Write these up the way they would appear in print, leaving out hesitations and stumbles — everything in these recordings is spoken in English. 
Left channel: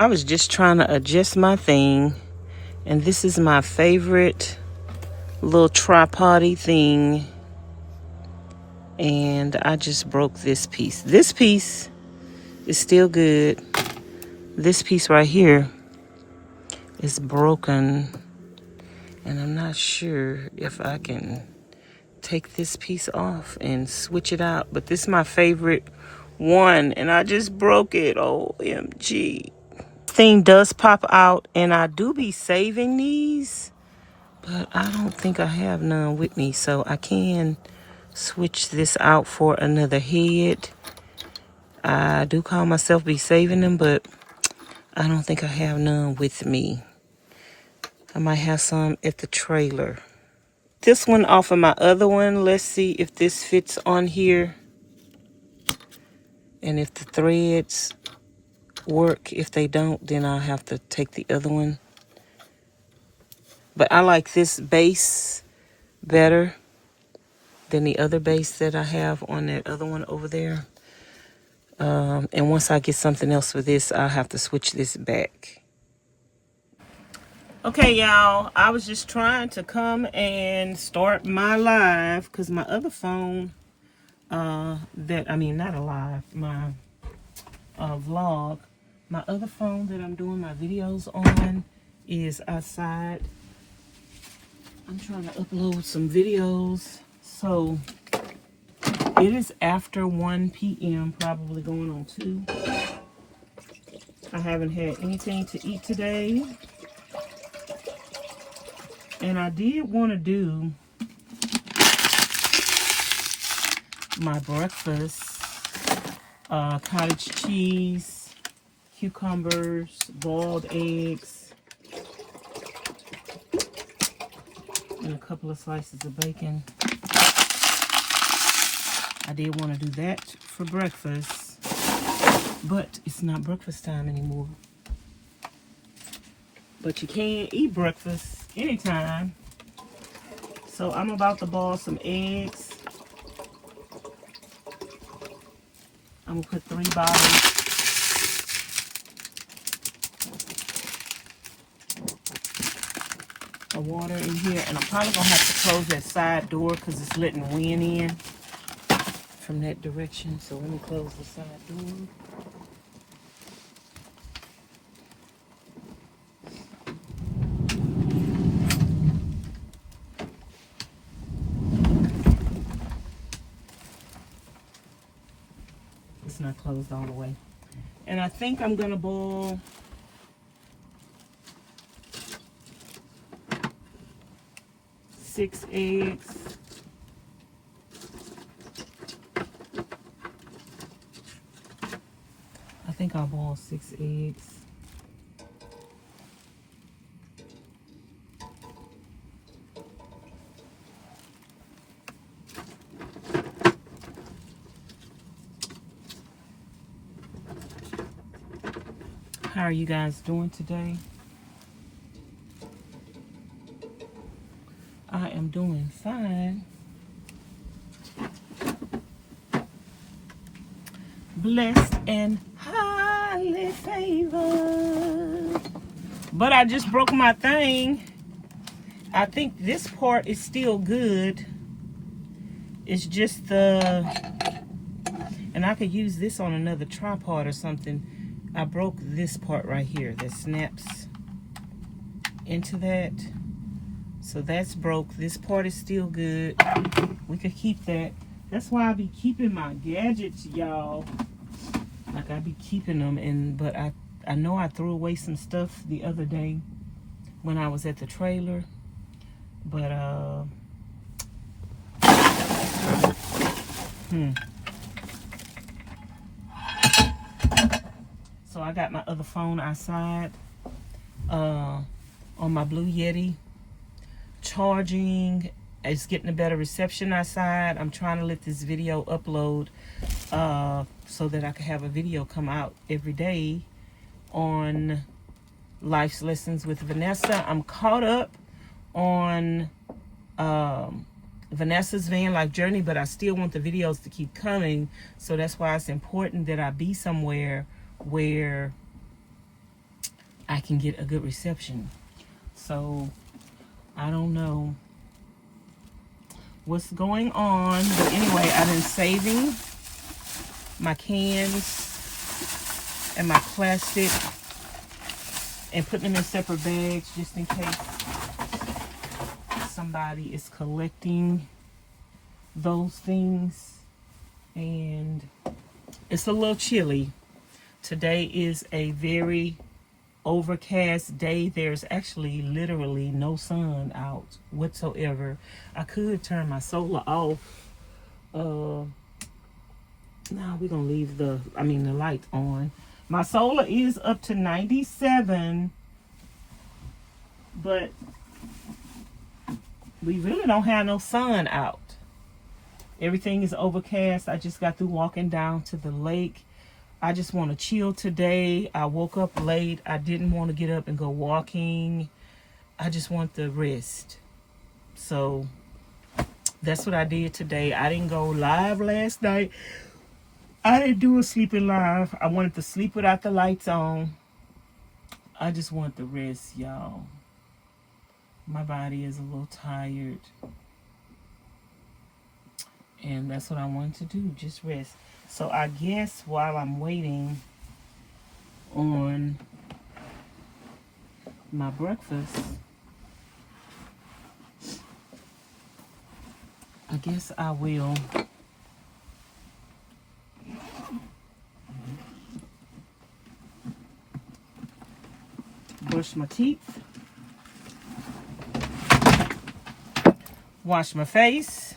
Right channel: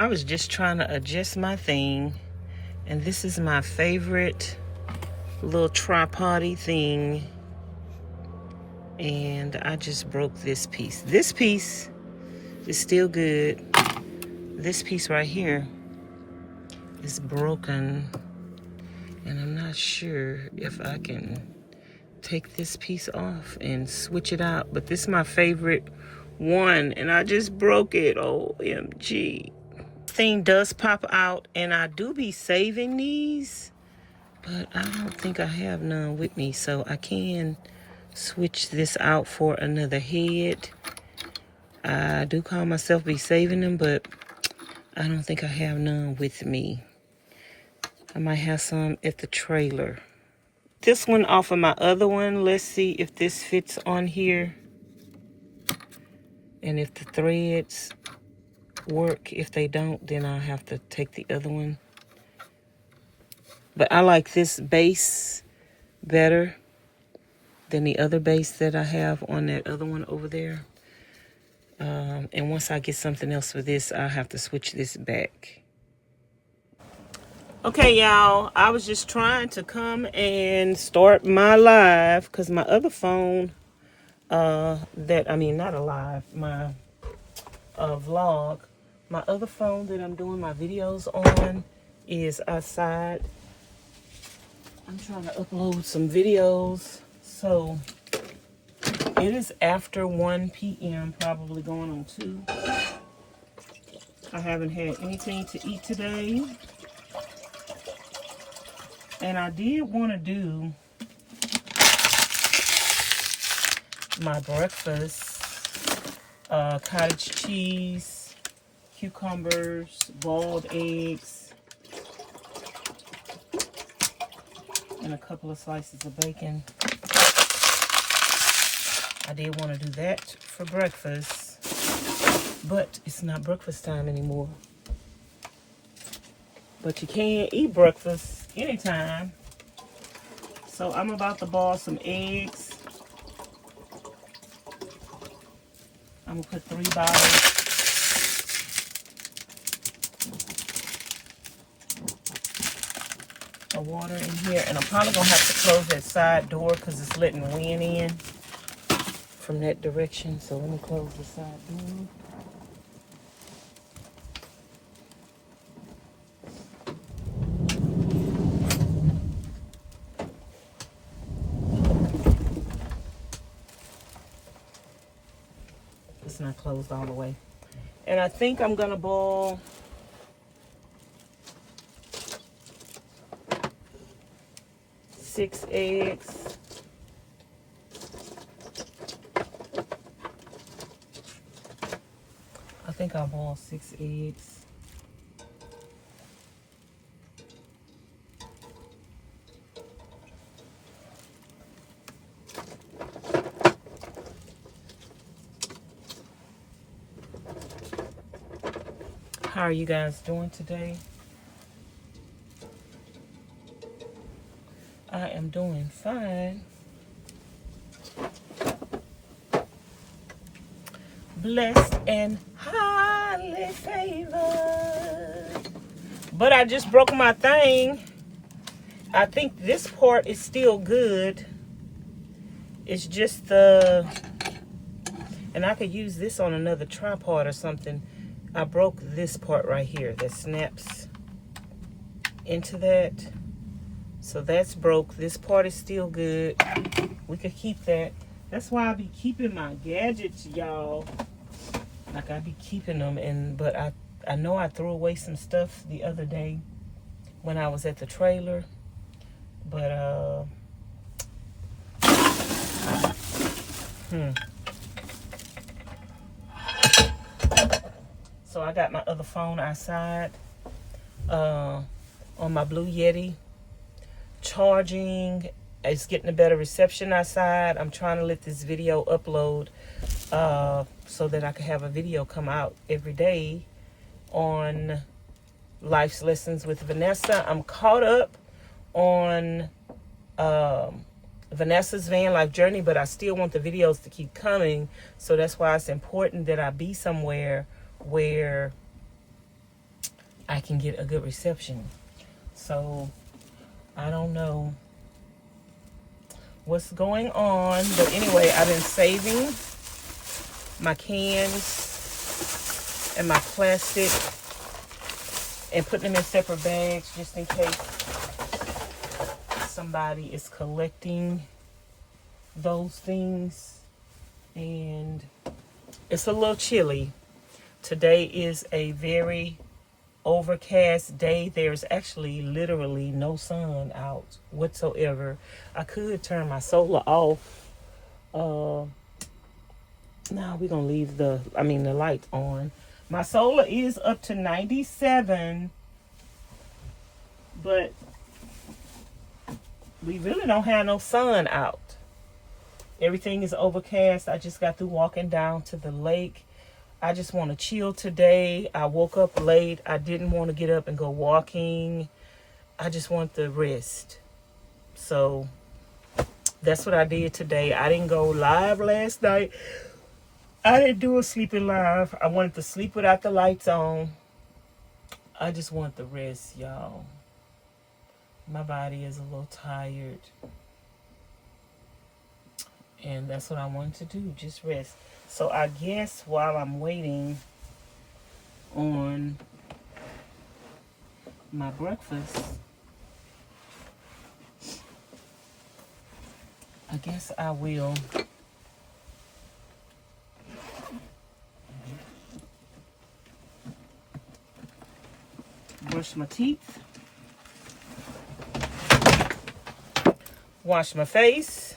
I was just trying to adjust my thing, and this is my favorite little tripod-y thing, and I just broke this piece. This piece is still good. This piece right here is broken, and I'm not sure if I can take this piece off and switch it out, but this is my favorite one, and I just broke it. OMG. Thing does pop out, and I do be saving these, but I don't think I have none with me, so I can switch this out for another head. I do call myself be saving them, but I don't think I have none with me. I might have some at the trailer. This one off of my other one. Let's see if this fits on here and if the threads work. If they don't, then I'll have to take the other one. But I like this base better than the other base that I have on that other one over there. And once I get something else for this, I'll have to switch this back. Okay, y'all, I was just trying to come and start my live because my other phone, my vlog, my other phone that I'm doing my videos on is outside. I'm trying to upload some videos, so it is after 1 p.m., probably going on 2. I haven't had anything to eat today. And I did want to do my breakfast. Cottage cheese, cucumbers, boiled eggs, and a couple of slices of bacon. I did want to do that for breakfast, but it's not breakfast time anymore. But you can eat breakfast anytime. So I'm about to boil some eggs. I'm gonna put 3 bottles of water in here, and I'm probably gonna have to close that side door because it's letting wind in from that direction. So let me close the side door. It's not closed all the way. And I think I'm gonna boil 6 eggs. I think I'll boil 6 eggs. How are you guys doing today? I am doing fine. Blessed and highly favored. But I just broke my thing. I think this part is still good. It's just the... and I could use this on another tripod or something. I broke this part right here that snaps into that. So that's broke. This part is still good. We could keep that. That's why I be keeping my gadgets, y'all. Like I be keeping them, but I know I threw away some stuff the other day when I was at the trailer. But So I got my other phone outside on my Blue Yeti charging. It's getting a better reception outside. I'm trying to let this video upload so that I can have a video come out every day on Life's Lessons with Vanessa. I'm caught up on Vanessa's van life journey, but I still want the videos to keep coming. So that's why it's important that I be somewhere where I can get a good reception. So I don't know what's going on, but anyway, I've been saving my cans and my plastic and putting them in separate bags just in case somebody is collecting those things. And it's a little chilly. Today is a very overcast day. There's actually literally no sun out whatsoever. I could turn my solar off. No, we're gonna leave the light on. My solar is up to 97, but we really don't have no sun out. Everything is overcast. I just got through walking down to the lake. I just want to chill today. I woke up late. I didn't want to get up and go walking. I just want the rest. So that's what I did today. I didn't go live last night. I didn't do a sleeping live. I wanted to sleep without the lights on. I just want the rest, y'all. My body is a little tired. And that's what I wanted to do, just rest. So I guess while I'm waiting on my breakfast, I guess I will brush my teeth, wash my face.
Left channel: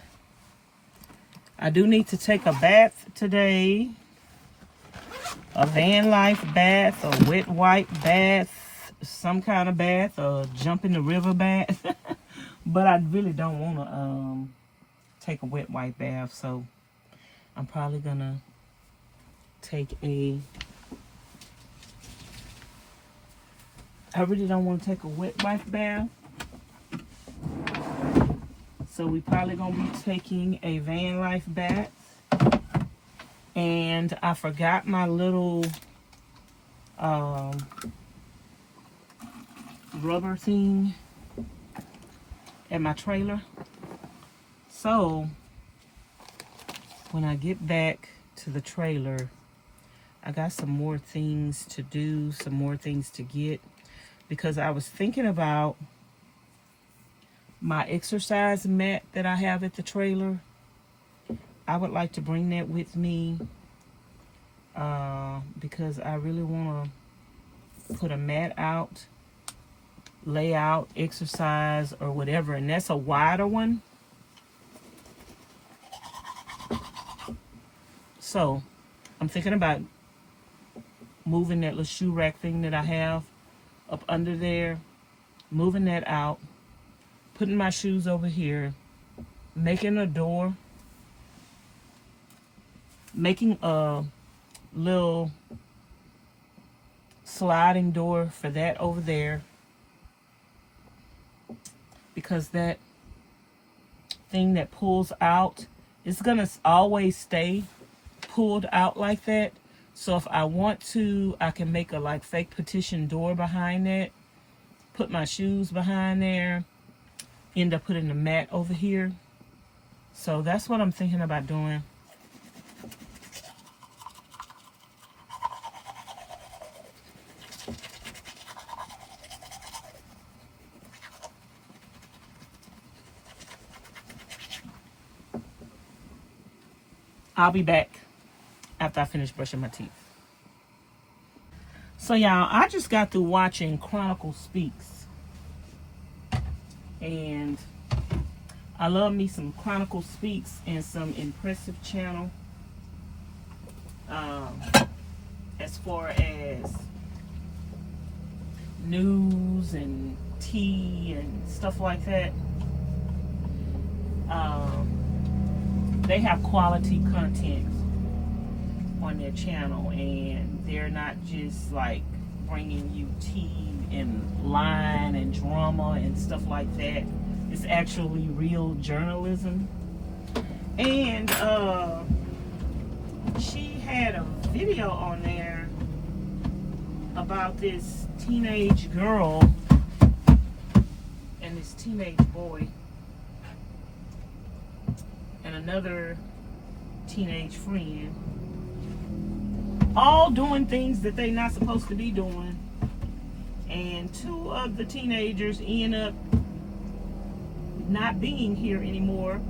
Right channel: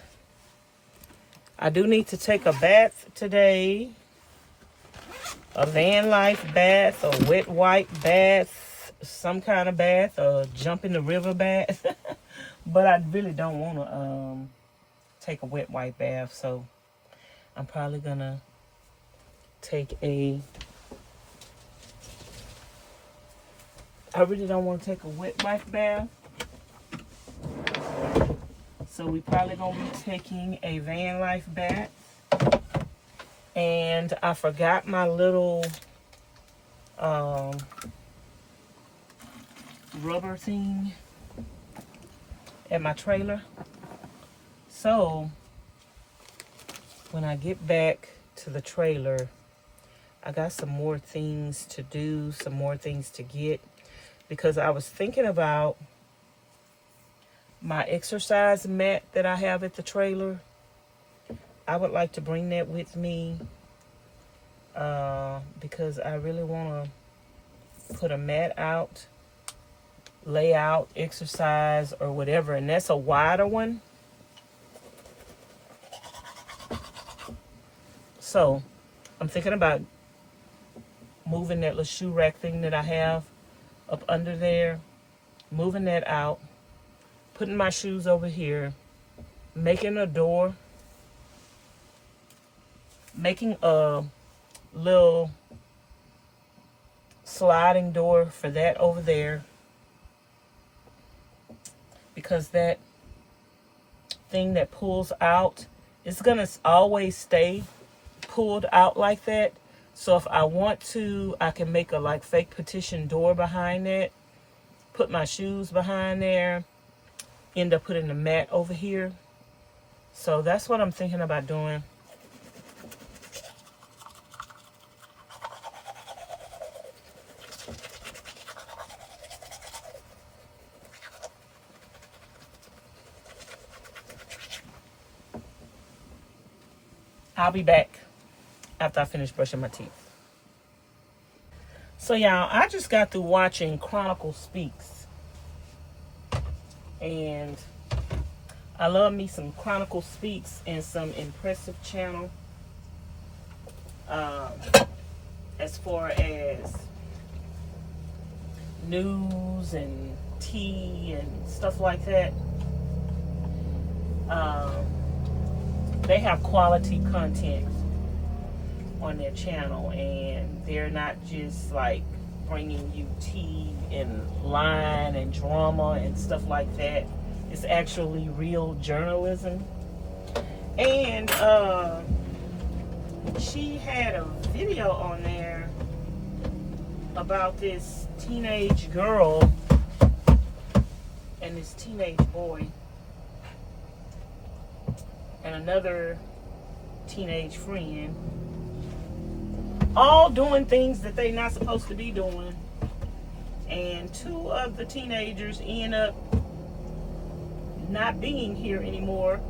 I do need to take a bath today. A Vanlife bath, a wet wipe bath, some kind of bath, or jump in the river bath. But I really don't want to take a wet wipe bath, so I'm probably gonna take a... I really don't want to take a wet wipe bath. So we probably gonna be taking a Vanlife bath. And I forgot my little rubber thing at my trailer. So when I get back to the trailer, I got some more things to do, some more things to get, because I was thinking about my exercise mat that I have at the trailer. I would like to bring that with me because I really want to put a mat out, lay out, exercise, or whatever. And that's a wider one. So I'm thinking about moving that little shoe rack thing that I have up under there, moving that out, putting my shoes over here, making a door, making a little sliding door for that over there, because that thing that pulls out is gonna always stay pulled out like that. So if I want to, I can make a like fake partition door behind that, put my shoes behind there, end up putting the mat over here. So that's what I'm thinking about doing. I'll be back after I finish brushing my teeth. So y'all, I just got through watching Chronicles Speaks. And I love me some Chronicles Speaks and some Impressive Channel. As far as news and tea and stuff like that. They have quality content on their channel, and they're not just like bringing you tea and line and drama and stuff like that. It's actually real journalism. And she had a video on there about this teenage girl and this teenage boy and another teenage friend, all doing things that they're not supposed to be doing. And two of the teenagers end up not being here anymore.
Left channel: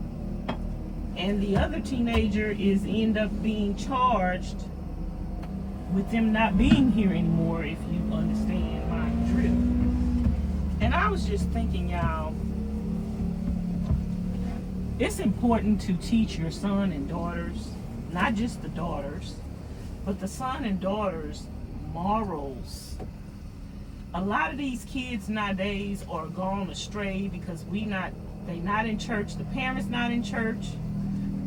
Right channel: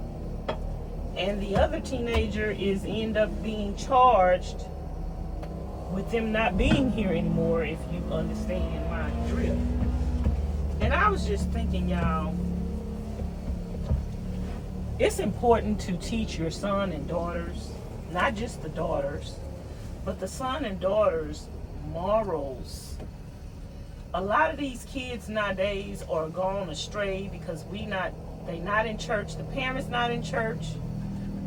And the other teenager end up being charged with them not being here anymore, if you understand my drift. And I was just thinking, y'all, it's important to teach your son and daughters, not just the daughters, but the son and daughters, morals. A lot of these kids nowadays are gone astray because they not in church. The parents not in church.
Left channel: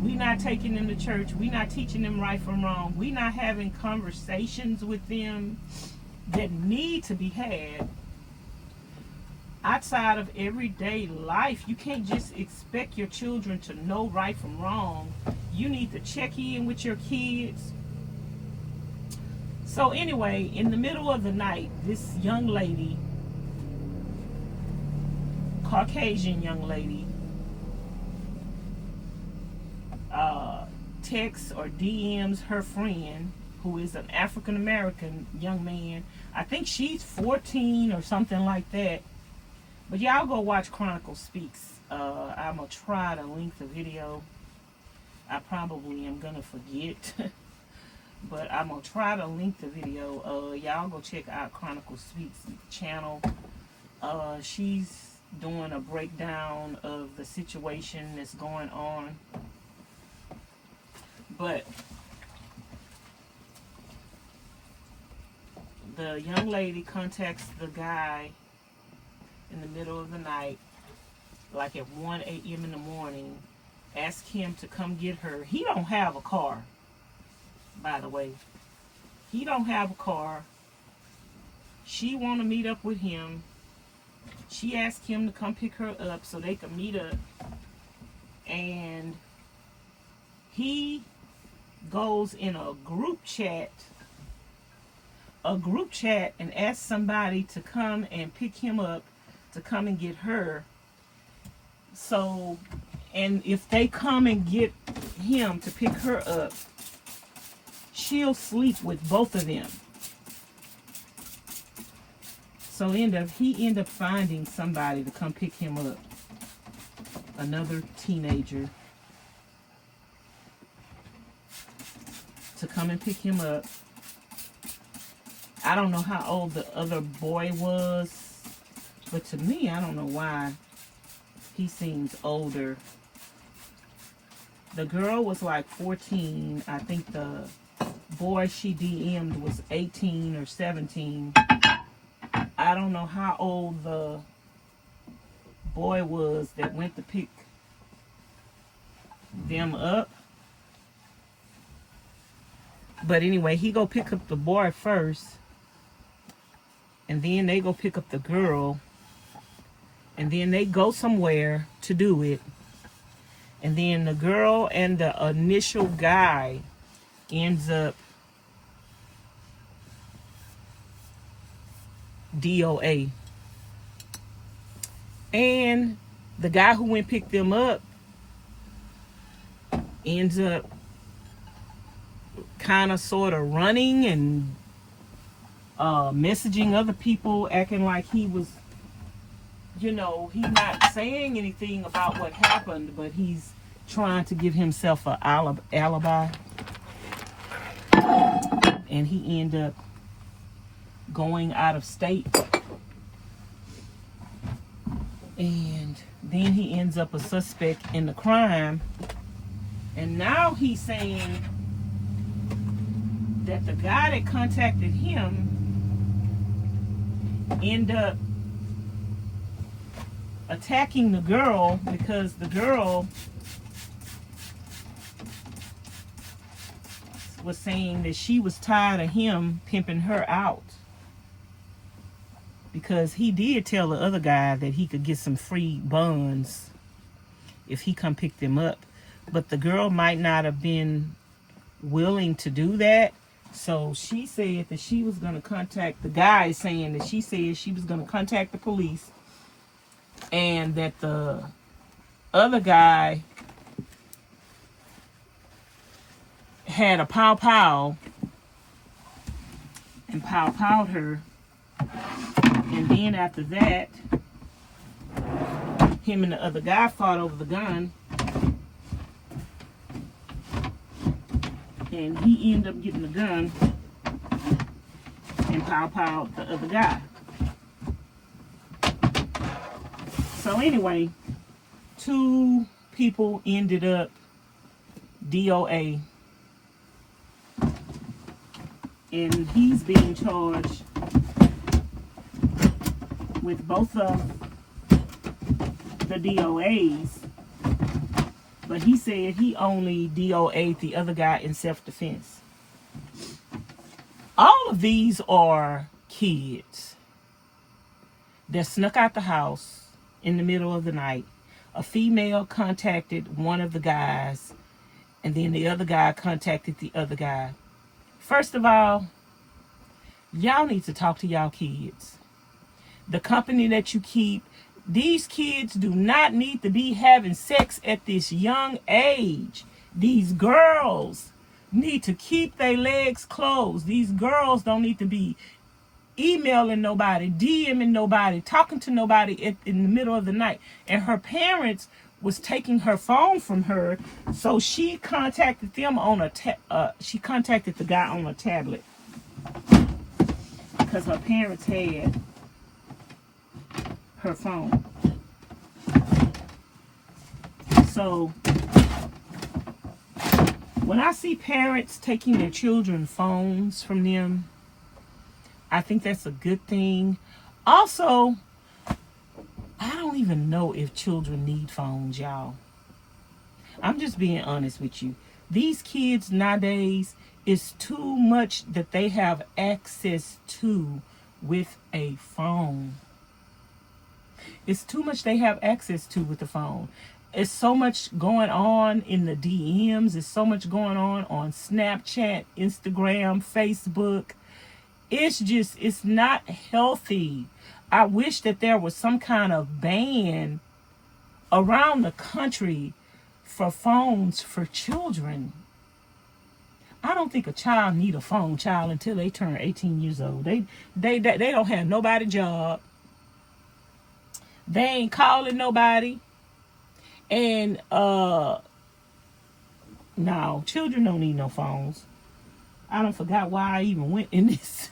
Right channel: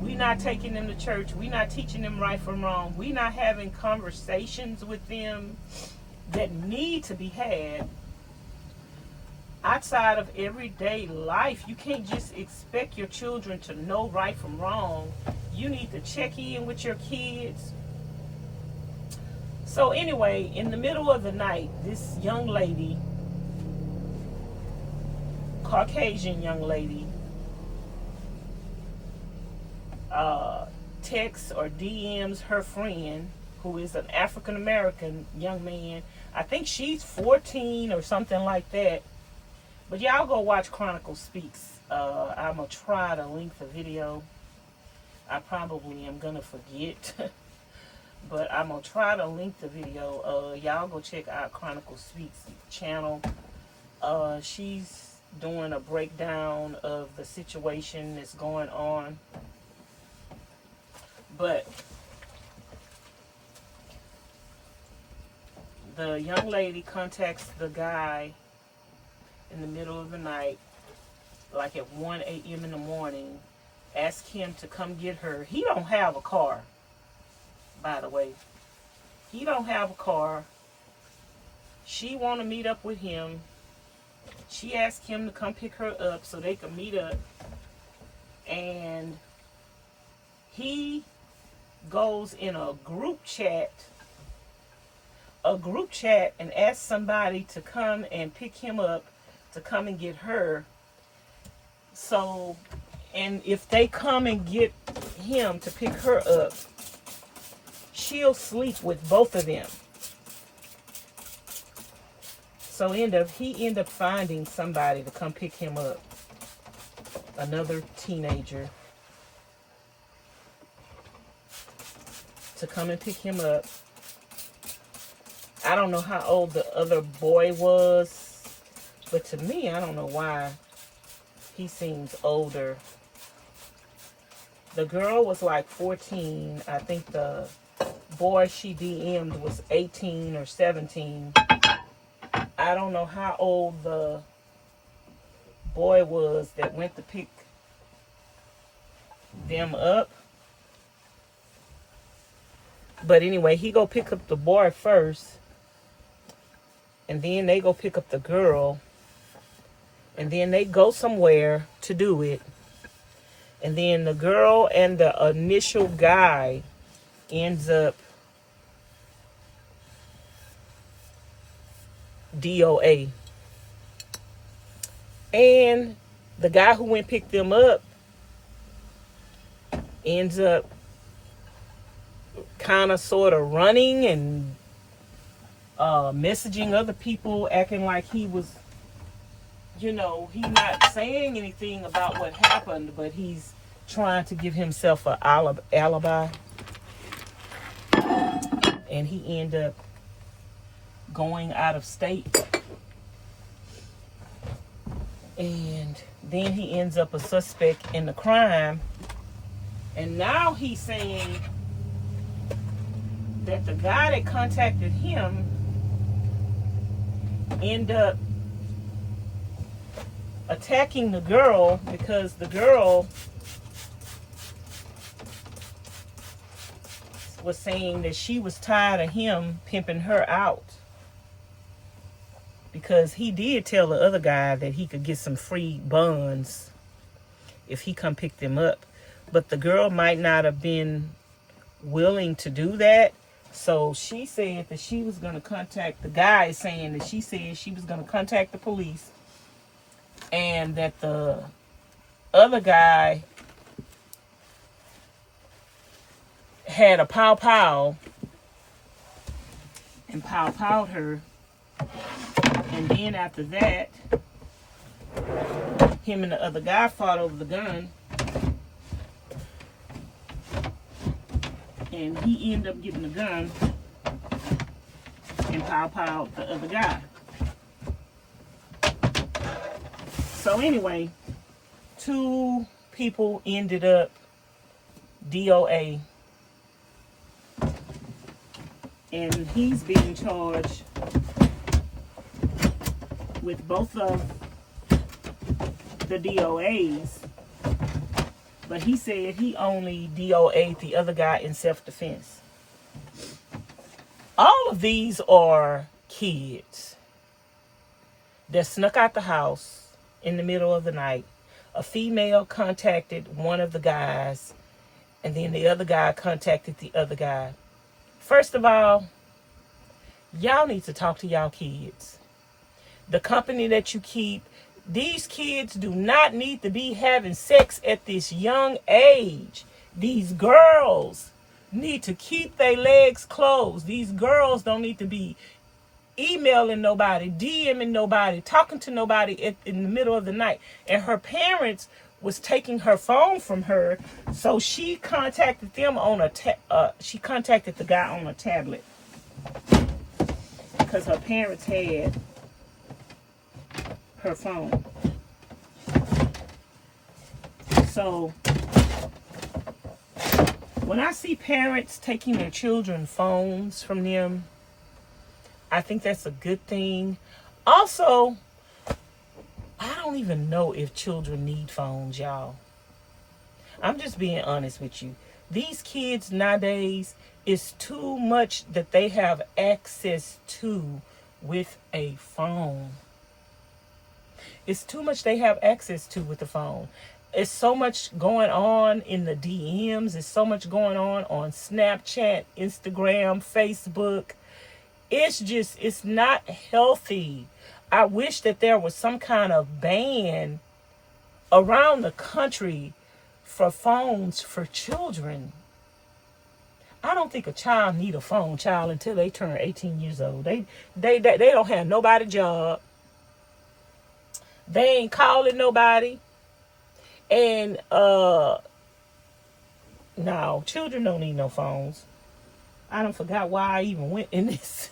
We not taking them to church. We not teaching them right from wrong. We not having conversations with them that need to be had outside of everyday life. You can't just expect your children to know right from wrong. You need to check in with your kids. So anyway, in the middle of the night, this young lady, Caucasian young lady, texts or DMs her friend, who is an African American young man. I think she's 14 or something like that. But y'all go watch Chronicles Speaks. I'm going to try to link the video. I probably am going to forget. But I'm going to try to link the video. Y'all go check out Chronicles Speaks channel. She's doing a breakdown of the situation that's going on. But the young lady contacts the guy in the middle of the night, like at 1 a.m. in the morning, ask him to come get her. He don't have a car, by the way. He don't have a car. She want to meet up with him. She asked him to come pick her up so they could meet up. And he goes in a group chat and asks somebody to come and pick him up, to come and get her. So, and if they come and get him to pick her up, she'll sleep with both of them. So he end up finding somebody to come pick him up, another teenager, to come and pick him up. I don't know how old the other boy was, but to me, I don't know why he seems older. The girl was like 14. I think the boy she DM'd was 18 or 17. I don't know how old the boy was that went to pick them up. But anyway, he go pick up the boy first. And then they go pick up the girl. And then they go somewhere to do it. And then the girl and the initial guy ends up DOA. And the guy who went pick them up ends up kind of sort of running and messaging other people, acting like he was, you know, he's not saying anything about what happened, but he's trying to give himself an alibi. And he ended up going out of state. And then he ends up a suspect in the crime. And now he's saying that the guy that contacted him ended up attacking the girl because the girl was saying that she was tired of him pimping her out, because he did tell the other guy that he could get some free buns if he come pick them up, but the girl might not have been willing to do that. So she said that she was going to contact, the guy is saying that she said she was going to contact the police, and that the other guy had a pow and pow-powed her. And then after that, him and the other guy fought over the gun. And he ended up getting the gun and pow-powed the other guy. So anyway, 2 people ended up DOA. And he's being charged with both of the DOAs. But he said he only DOA'd the other guy in self-defense. All of these are kids that snuck out the house in the middle of the night. A female contacted one of the guys, and then the other guy contacted the other guy. First of all, y'all need to talk to y'all kids. The company that you keep, these kids do not need to be having sex at this young age. These girls need to keep their legs closed. These girls don't need to be emailing nobody, DMing nobody, talking to nobody in the middle of the night. And her parents was taking her phone from her, so she contacted them on she contacted the guy on a tablet because her parents had her phone. So when I see parents taking their children's phones from them, I think that's a good thing. Also, I don't even know if children need phones, y'all. I'm just being honest with you. These kids nowadays, it's too much that they have access to with a phone. It's too much they have access to with the phone. It's so much going on in the DMs. There's so much going on Snapchat, Instagram, Facebook. It's not healthy. I wish that there was some kind of ban around the country for phones for children. I don't think a child need a phone, until they turn 18 years old. They don't have nobody job. They ain't calling nobody. And no, children don't need no phones. I don't forgot why I even went in this.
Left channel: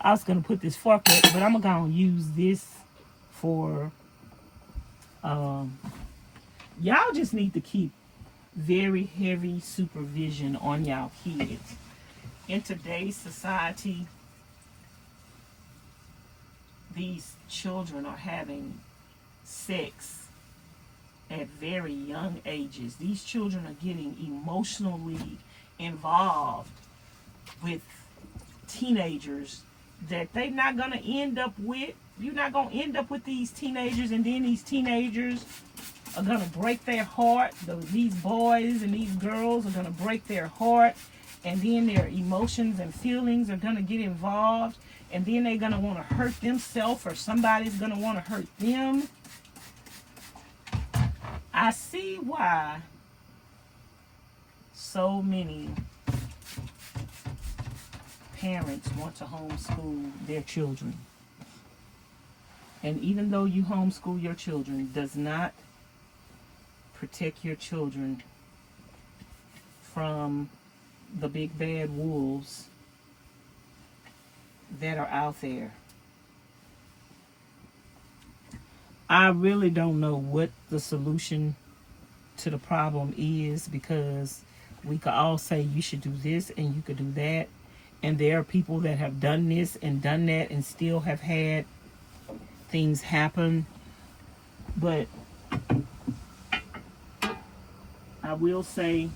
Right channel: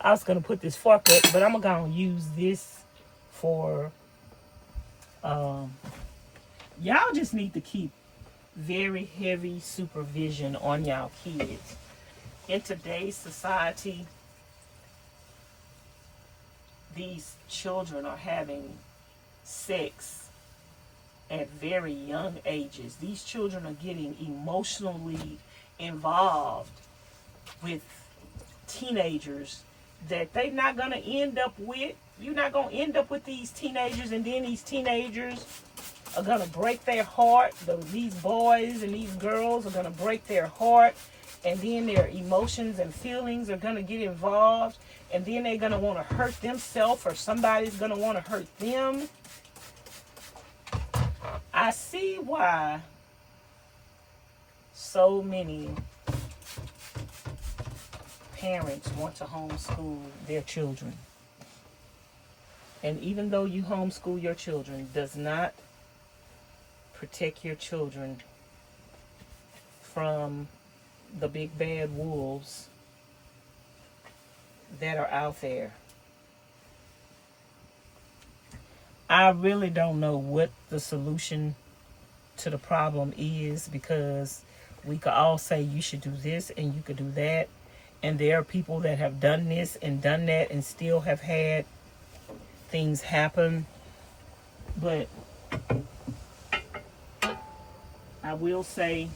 I was going to put this fork up, but I'm going to use this for, y'all just need to keep very heavy supervision on y'all kids. In today's society, these children are having sex at very young ages. These children are getting emotionally involved with teenagers that they're not going to end up with. You're not going to end up with these teenagers, and then these teenagers are going to break their heart. These boys and these girls are going to break their heart, and then their emotions and feelings are going to get involved, and then they're going to want to hurt themselves, or somebody's going to want to hurt them. I see why so many parents want to homeschool their children. And even though you homeschool your children, does not protect your children from the big bad wolves that are out there. I really don't know what the solution to the problem is, because we could all say you should do this and you could do that. And there are people that have done this and done that and still have had things happen. But I will say,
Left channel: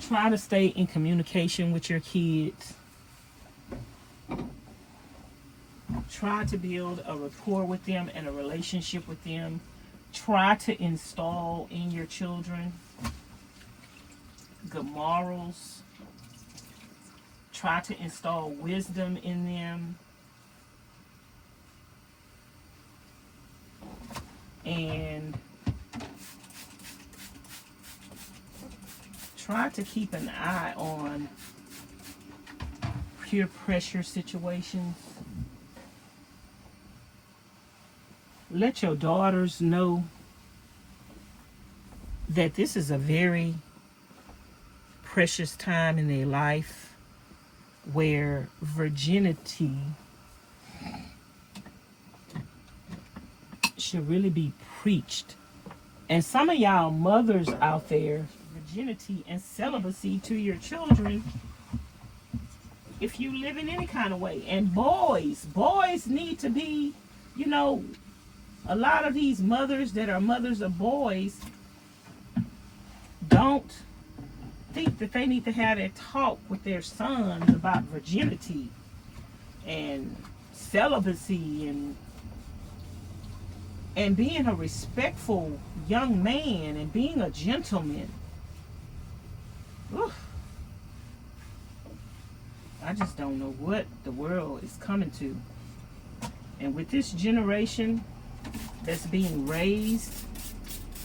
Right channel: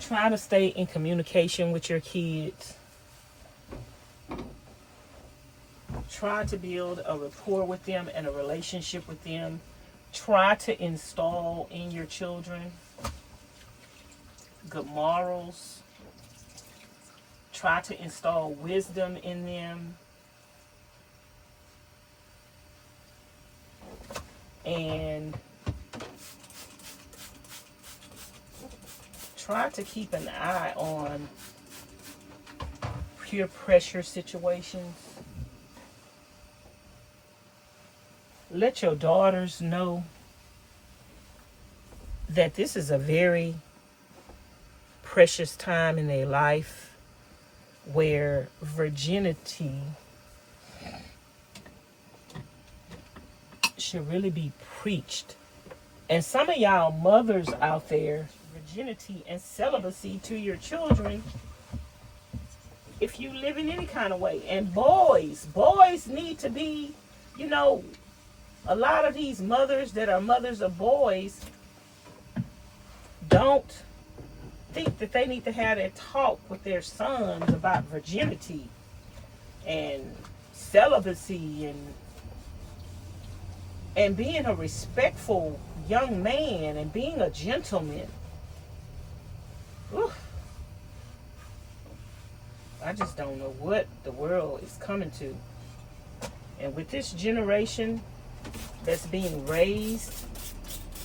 try to stay in communication with your kids. Try to build a rapport with them and a relationship with them. Try to install in your children good morals. Try to install wisdom in them. And try to keep an eye on peer pressure situations. Let your daughters know that this is a very precious time in their life where virginity should really be preached. And some of y'all mothers out there, virginity and celibacy to your children, if you live in any kind of way. And boys need to be, you know, a lot of these mothers that are mothers of boys don't think that they need to have that talk with their sons about virginity and celibacy and being a respectful young man and being a gentleman. Oof. I just don't know what the world is coming to. And with this generation that's being raised,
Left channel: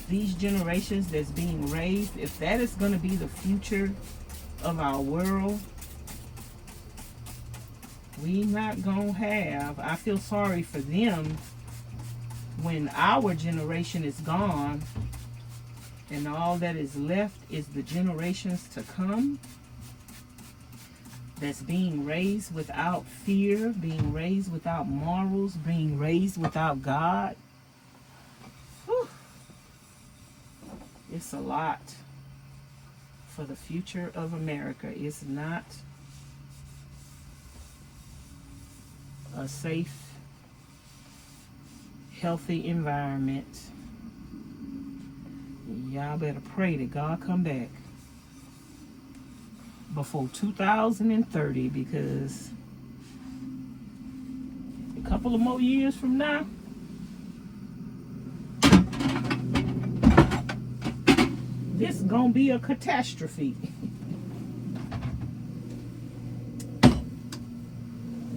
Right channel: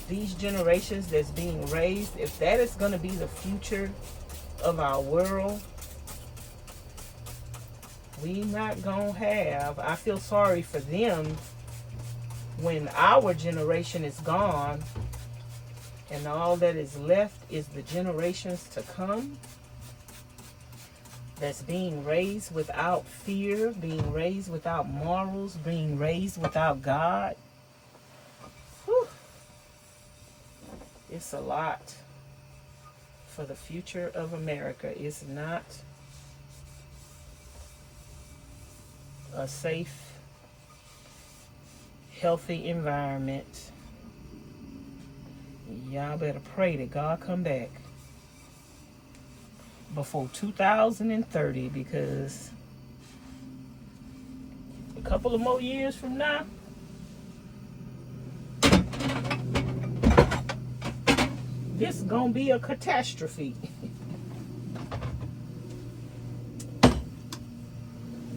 these generations that's being raised, if that is going to be the future of our world, we not going to have, I feel sorry for them when our generation is gone and all that is left is the generations to come that's being raised without fear, being raised without morals, being raised without God. Whew. It's a lot for the future of America. It's not a safe, healthy environment. Y'all better pray that God come back before 2030, because a couple of more years from now, this is gonna be a catastrophe.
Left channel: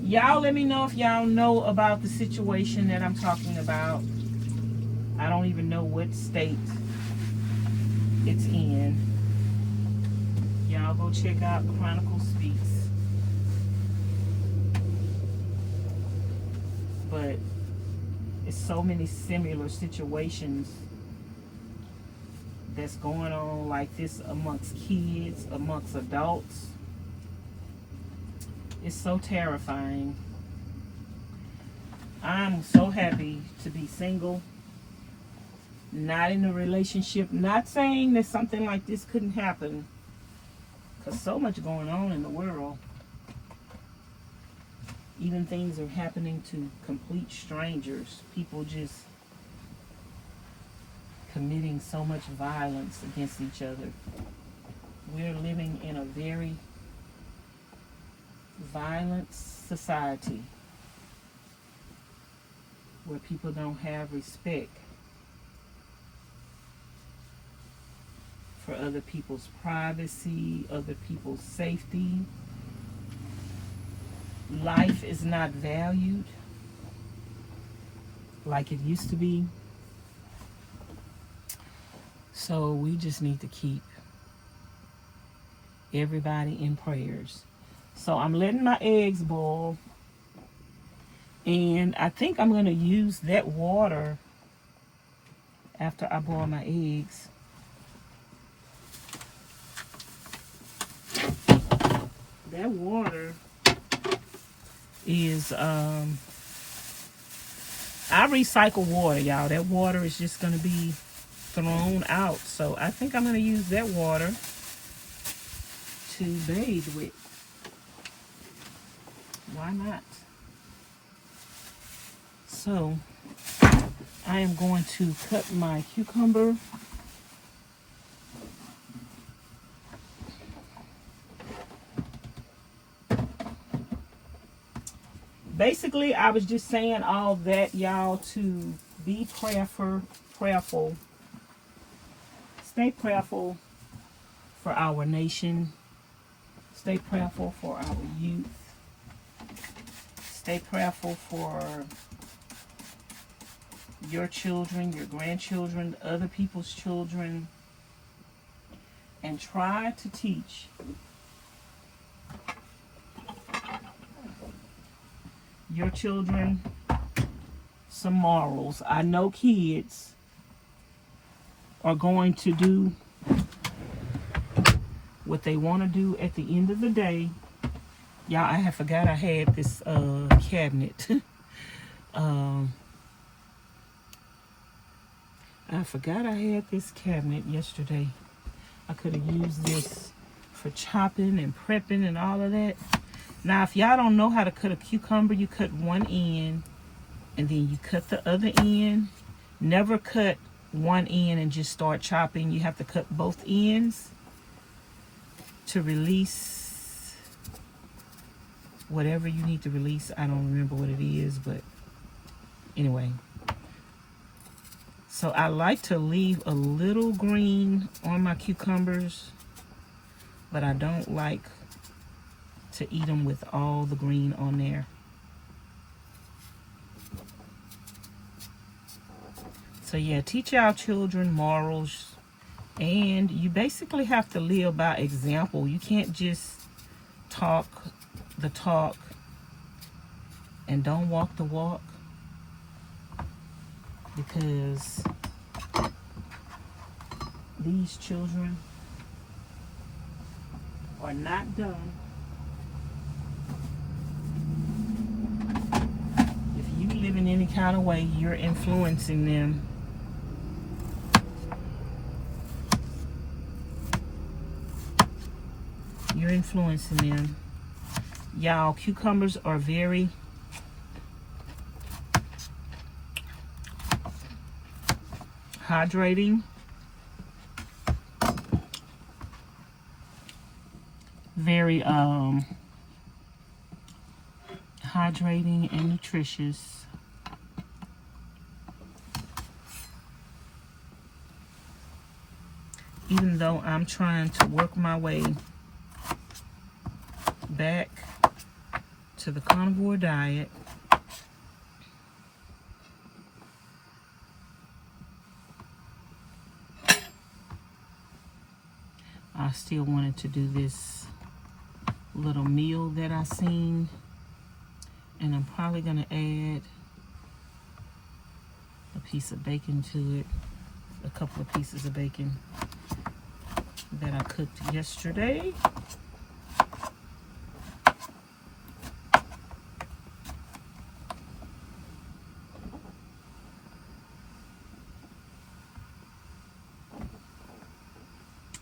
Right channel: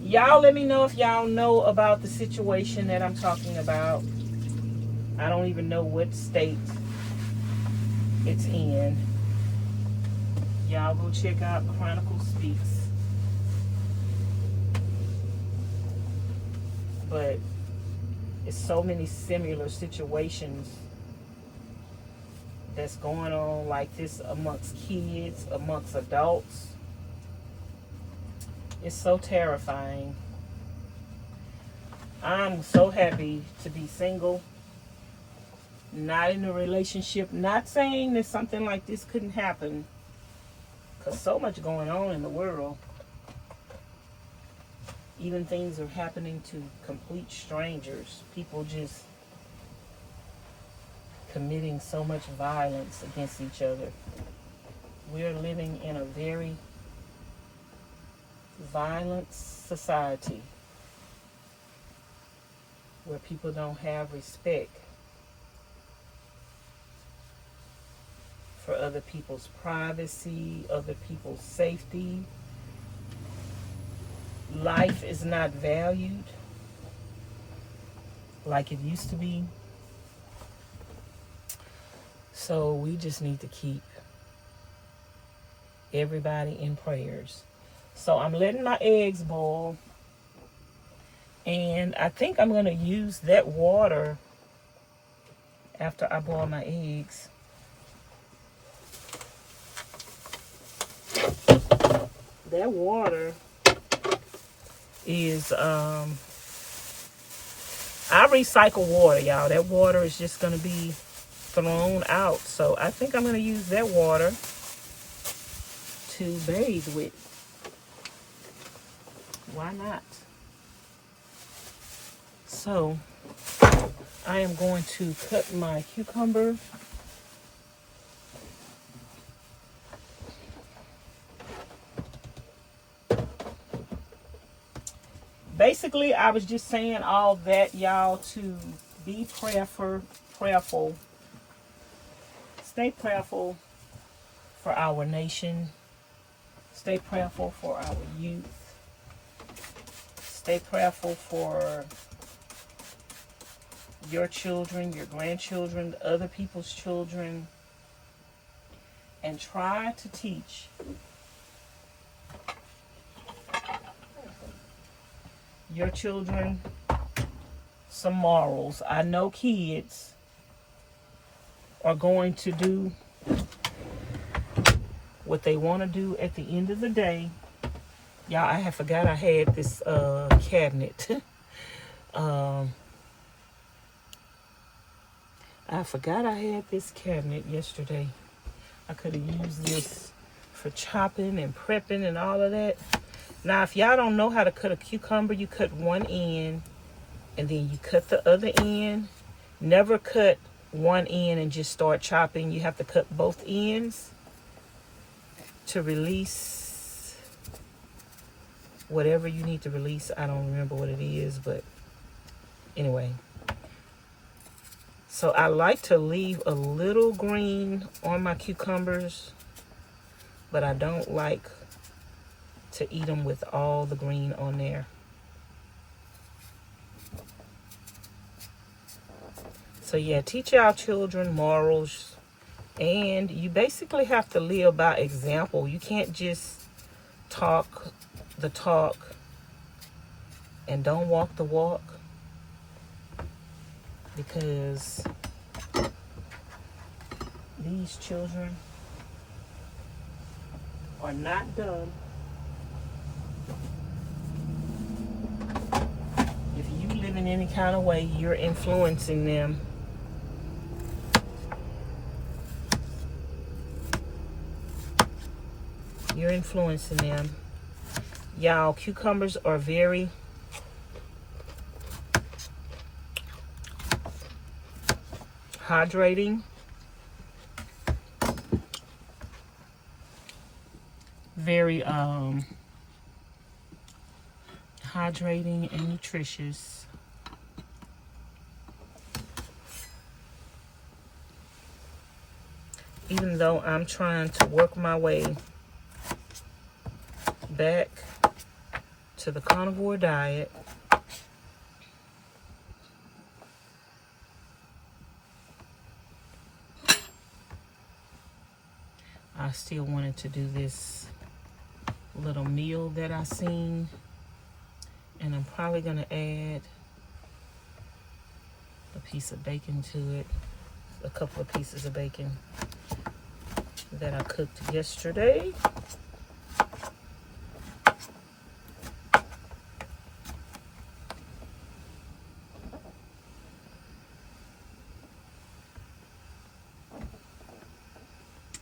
Y'all let me know if y'all know about the situation that I'm talking about. I don't even know what state it's in. Y'all go check out Chronicles Speaks. But it's so many similar situations that's going on like this amongst kids, amongst adults. It's so terrifying. I'm so happy to be single, not in a relationship. Not saying that something like this couldn't happen, because so much going on in the world. Even things are happening to complete strangers. People just committing so much violence against each other. We're living in a very violent society where people don't have respect for other people's privacy, other people's safety. Life is not valued like it used to be. So we just need to keep everybody in prayers. So I'm letting my eggs boil, and I think I'm going to use that water after I boil my eggs. That water is, I recycle water, y'all. That water is just going to be thrown out. So I think I'm going to use that water to bathe with. Why not? So I am going to cut my cucumber. Basically, I was just saying all that, y'all, to be prayerful prayerful. Stay prayerful for our nation. Stay prayerful for our youth. Stay prayerful for your children, your grandchildren, other people's children. And try to teach your children some morals. I know kids are going to do what they want to do at the end of the day. Y'all, I forgot I had this cabinet. I forgot I had this cabinet yesterday. I could have used this for chopping and prepping and all of that. Now, if y'all don't know how to cut a cucumber, you cut one end and then you cut the other end. Never cut one end and just start chopping. You have to cut both ends to release whatever you need to release. I don't remember what it is, but anyway. So I like to leave a little green on my cucumbers, but I don't like to eat them with all the green on there. So yeah, teach our children morals, and you basically have to live by example. You can't just talk the talk and don't walk the walk, because these children are not dumb. If you live in any kind of way, you're influencing them. You're influencing them. Y'all, cucumbers are very hydrating, very hydrating and nutritious. Even though I'm trying to work my way back to the carnivore diet, I still wanted to do this little meal that I seen, and I'm probably gonna add a piece of bacon to it, a couple of pieces of bacon that I cooked yesterday.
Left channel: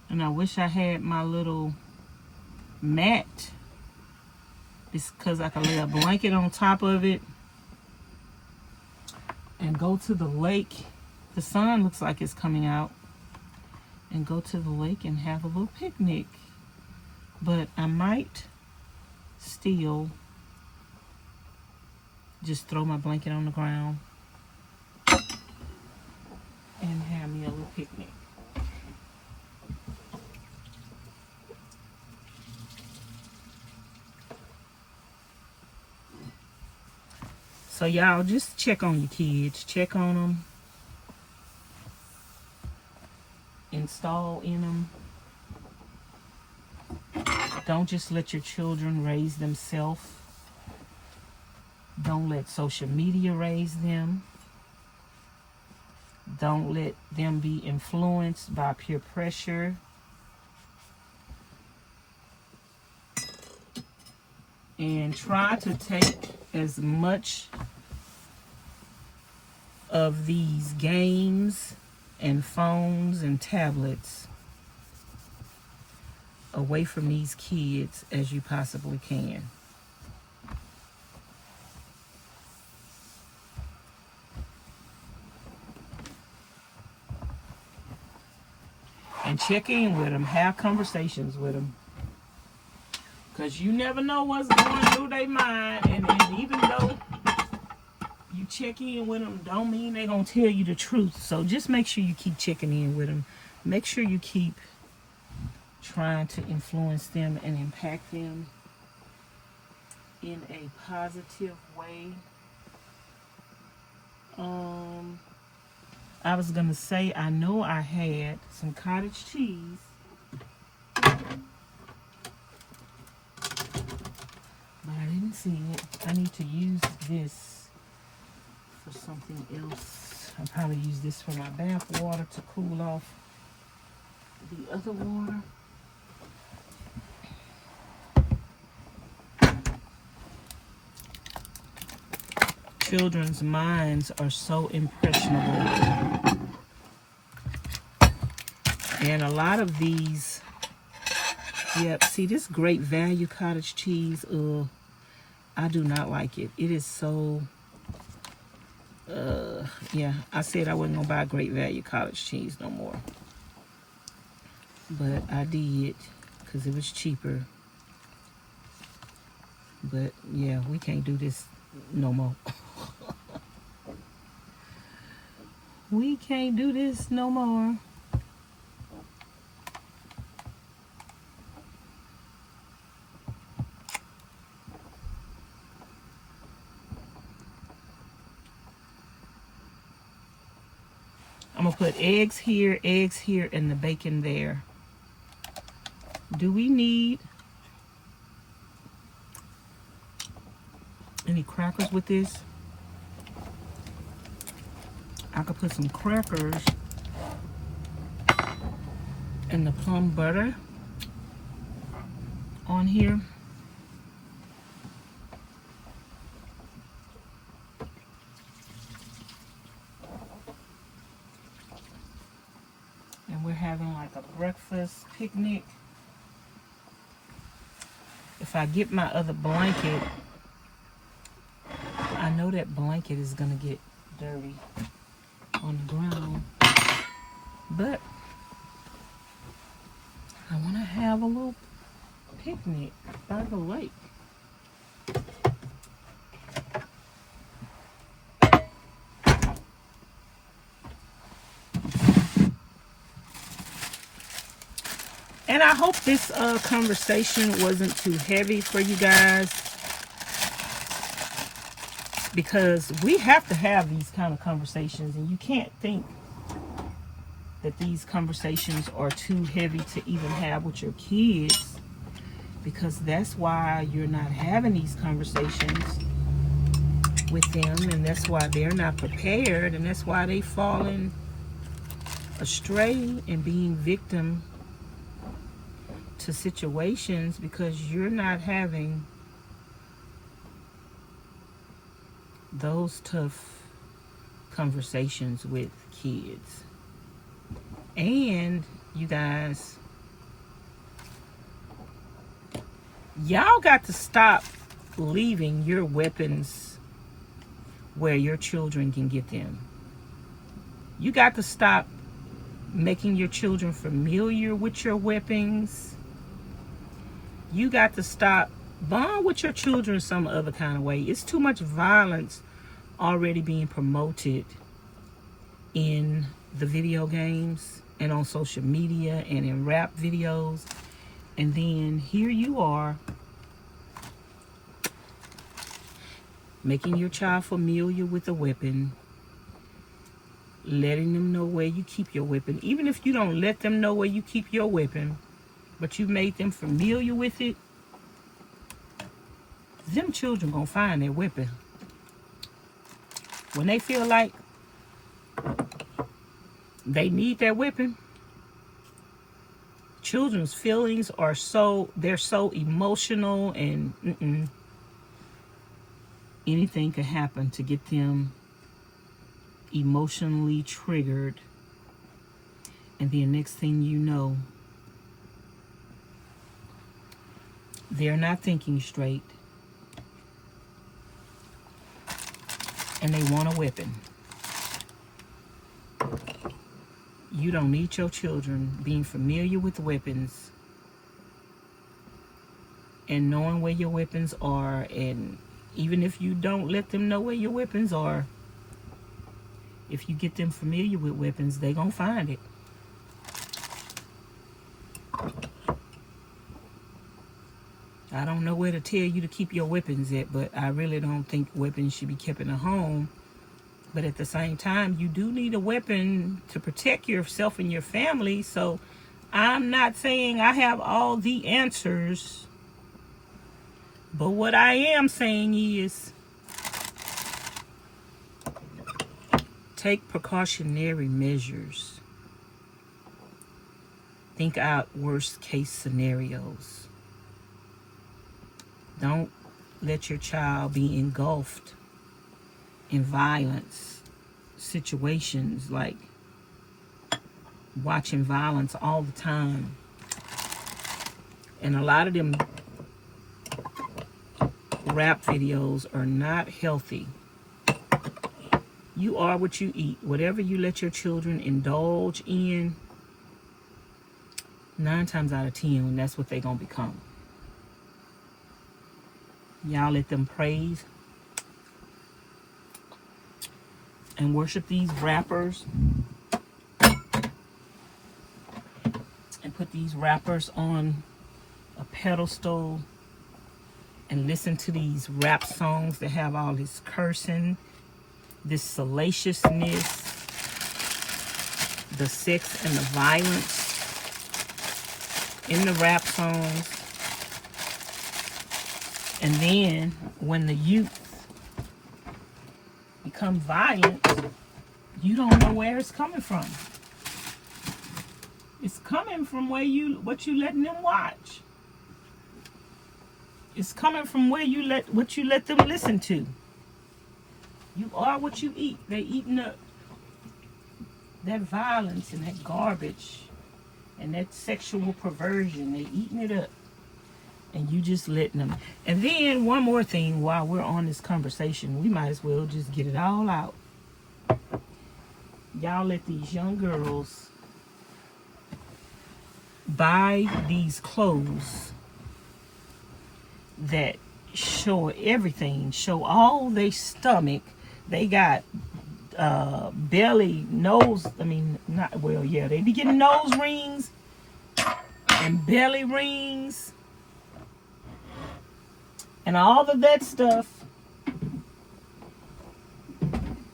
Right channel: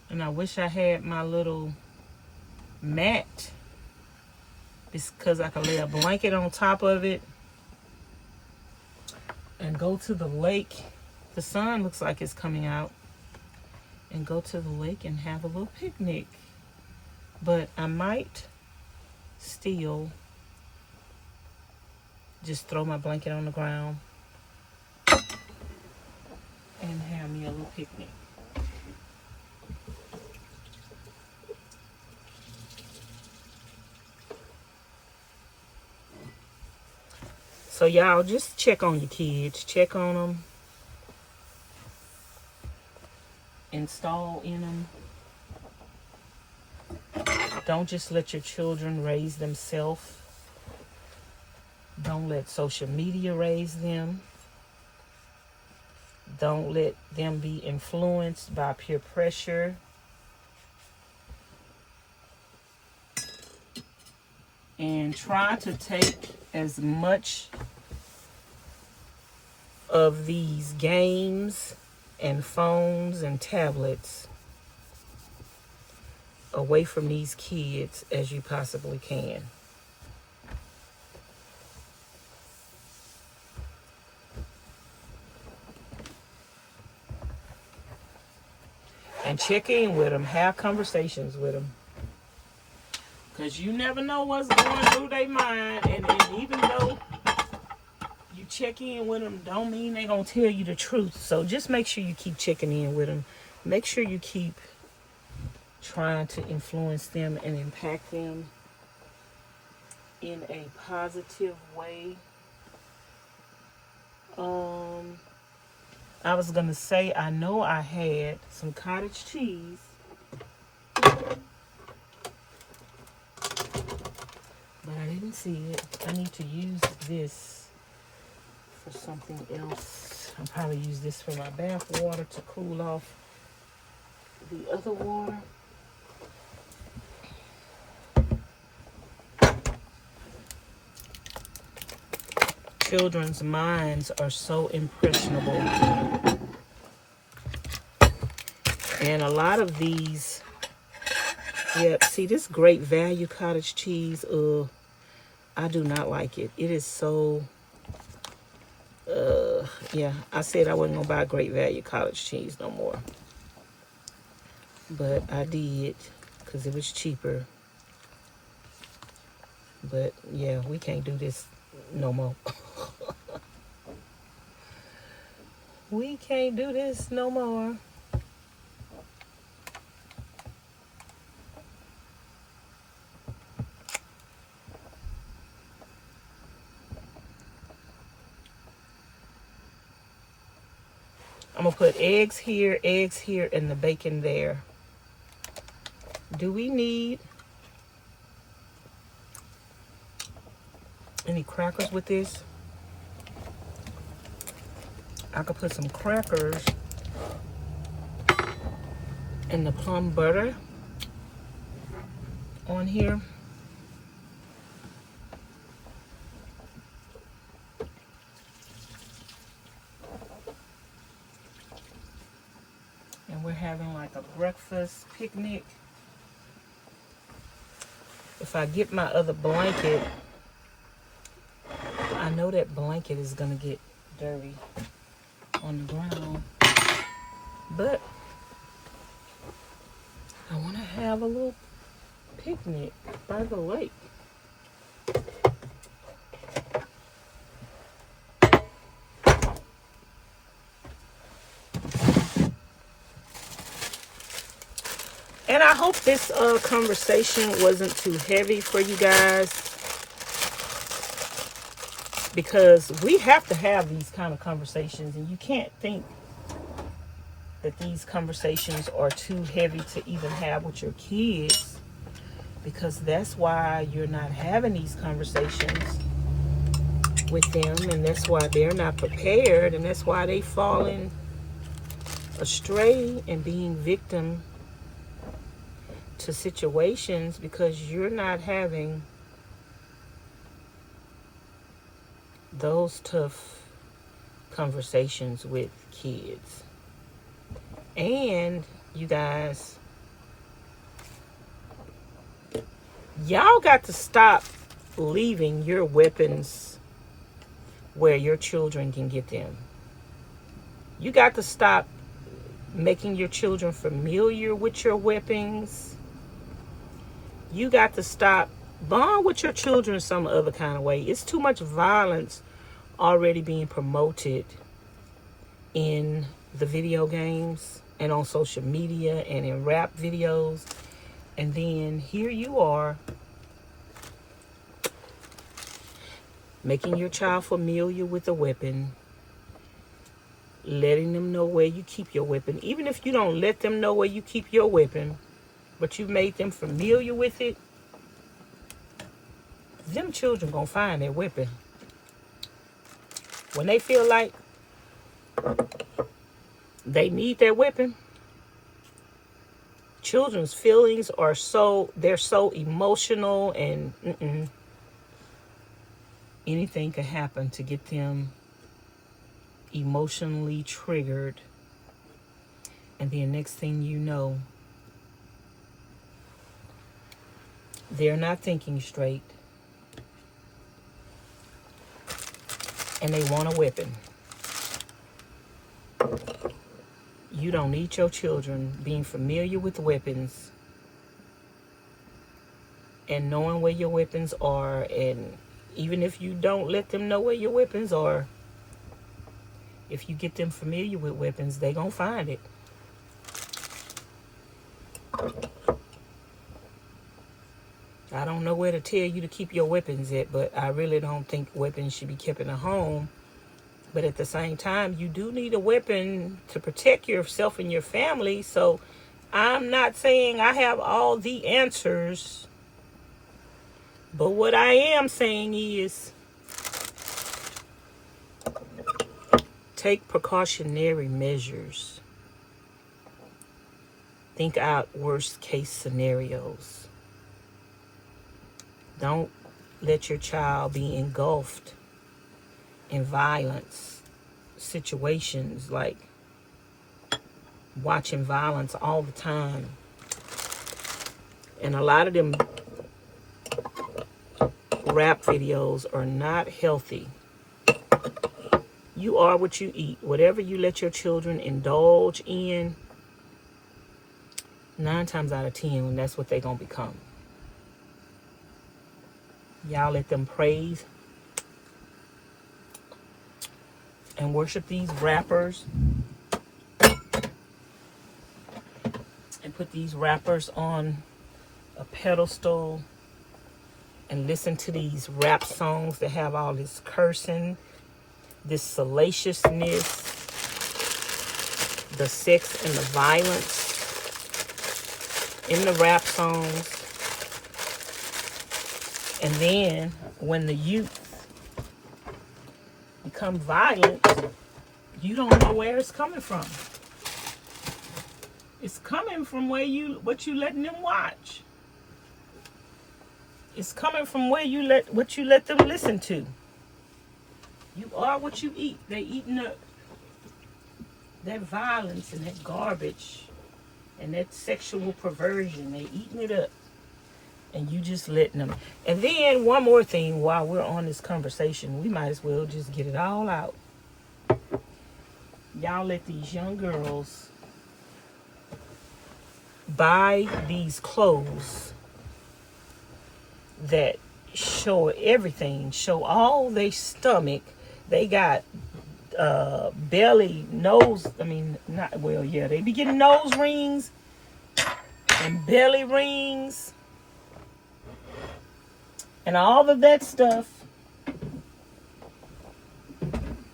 And I wish I had my little mat, because I can lay a blanket on top of it and go to the lake. The sun looks like it's coming out, and go to the lake and have a little picnic. But I might still just throw my blanket on the ground and have me a little picnic. So y'all, just check on your kids. Check on them. Install in them. Don't just let your children raise themselves. Don't let social media raise them. Don't let them be influenced by peer pressure. And try to take as much of these games and phones and tablets away from these kids as you possibly can. And check in with them, have conversations with them. Because you never know what's going through their mind. And even though you check in with them don't mean they're going to tell you the truth. So just make sure you keep checking in with them. Make sure you keep trying to influence them and impact them in a positive way. I was going to say, I know I had some cottage cheese. But I didn't see it. I need to use this for something else. I'll probably use this for my bath water to cool off the other water. Children's minds are so impressionable. And a lot of these, yeah, see this great value cottage cheese, I do not like it. It is so, yeah, I said I wasn't going to buy great value cottage cheese no more. But I did, because it was cheaper. But, yeah, we can't do this no more. We can't do this no more. I'm going to put eggs here, and the bacon there. Do we need any crackers with this? I could put some crackers and the plum butter on here. And we're having like a breakfast picnic. If I get my other blanket, I know that blanket is gonna get dirty on the ground, but I want to have a little picnic by the lake. And I hope this conversation wasn't too heavy for you guys, because we have to have these kind of conversations, and you can't think that these conversations are too heavy to even have with your kids, because that's why you're not having these conversations with them, and that's why they're not prepared, and that's why they falling astray and being victim to situations, because you're not having those tough conversations with kids. And you guys, y'all got to stop leaving your weapons where your children can get them. You got to stop making your children familiar with your weapons. You got to stop bond with your children some other kind of way. It's too much violence already being promoted in the video games and on social media and in rap videos. And then here you are making your child familiar with a weapon, letting them know where you keep your weapon. Even if you don't let them know where you keep your weapon, but you made them familiar with it, them children gonna find their weapon. When they feel like they need that weapon, children's feelings are they're so emotional, and anything could happen to get them emotionally triggered. And then next thing you know, they're not thinking straight, and they want a weapon. You don't need your children being familiar with weapons and knowing where your weapons are. And even if you don't let them know where your weapons are, If you get them familiar with weapons, they gonna find it. I don't know where to tell you to keep your weapons at, but I really don't think weapons should be kept in a home. But at the same time, you do need a weapon to protect yourself and your family. So I'm not saying I have all the answers. But what I am saying is take precautionary measures. Think out worst case scenarios. Don't let your child be engulfed in violence situations, like watching violence all the time. And a lot of them rap videos are not healthy. You are what you eat. Whatever you let your children indulge in, 9 times out of 10, that's what they're going to become. Y'all let them praise and worship these rappers and put these rappers on a pedestal and listen to these rap songs that have all this cursing, this salaciousness, the sex and the violence in the rap songs. And then when the youth become violent, you don't know where it's coming from. It's coming from what you letting them watch. It's coming from what you let them listen to. You are what you eat. They eating up that violence and that garbage and that sexual perversion. They eating it up. And you just letting them. And then one more thing while we're on this conversation, we might as well just get it all out. Y'all let these young girls buy these clothes that show everything, show all their stomach. They got belly, nose, they be getting nose rings and belly rings and all of that stuff.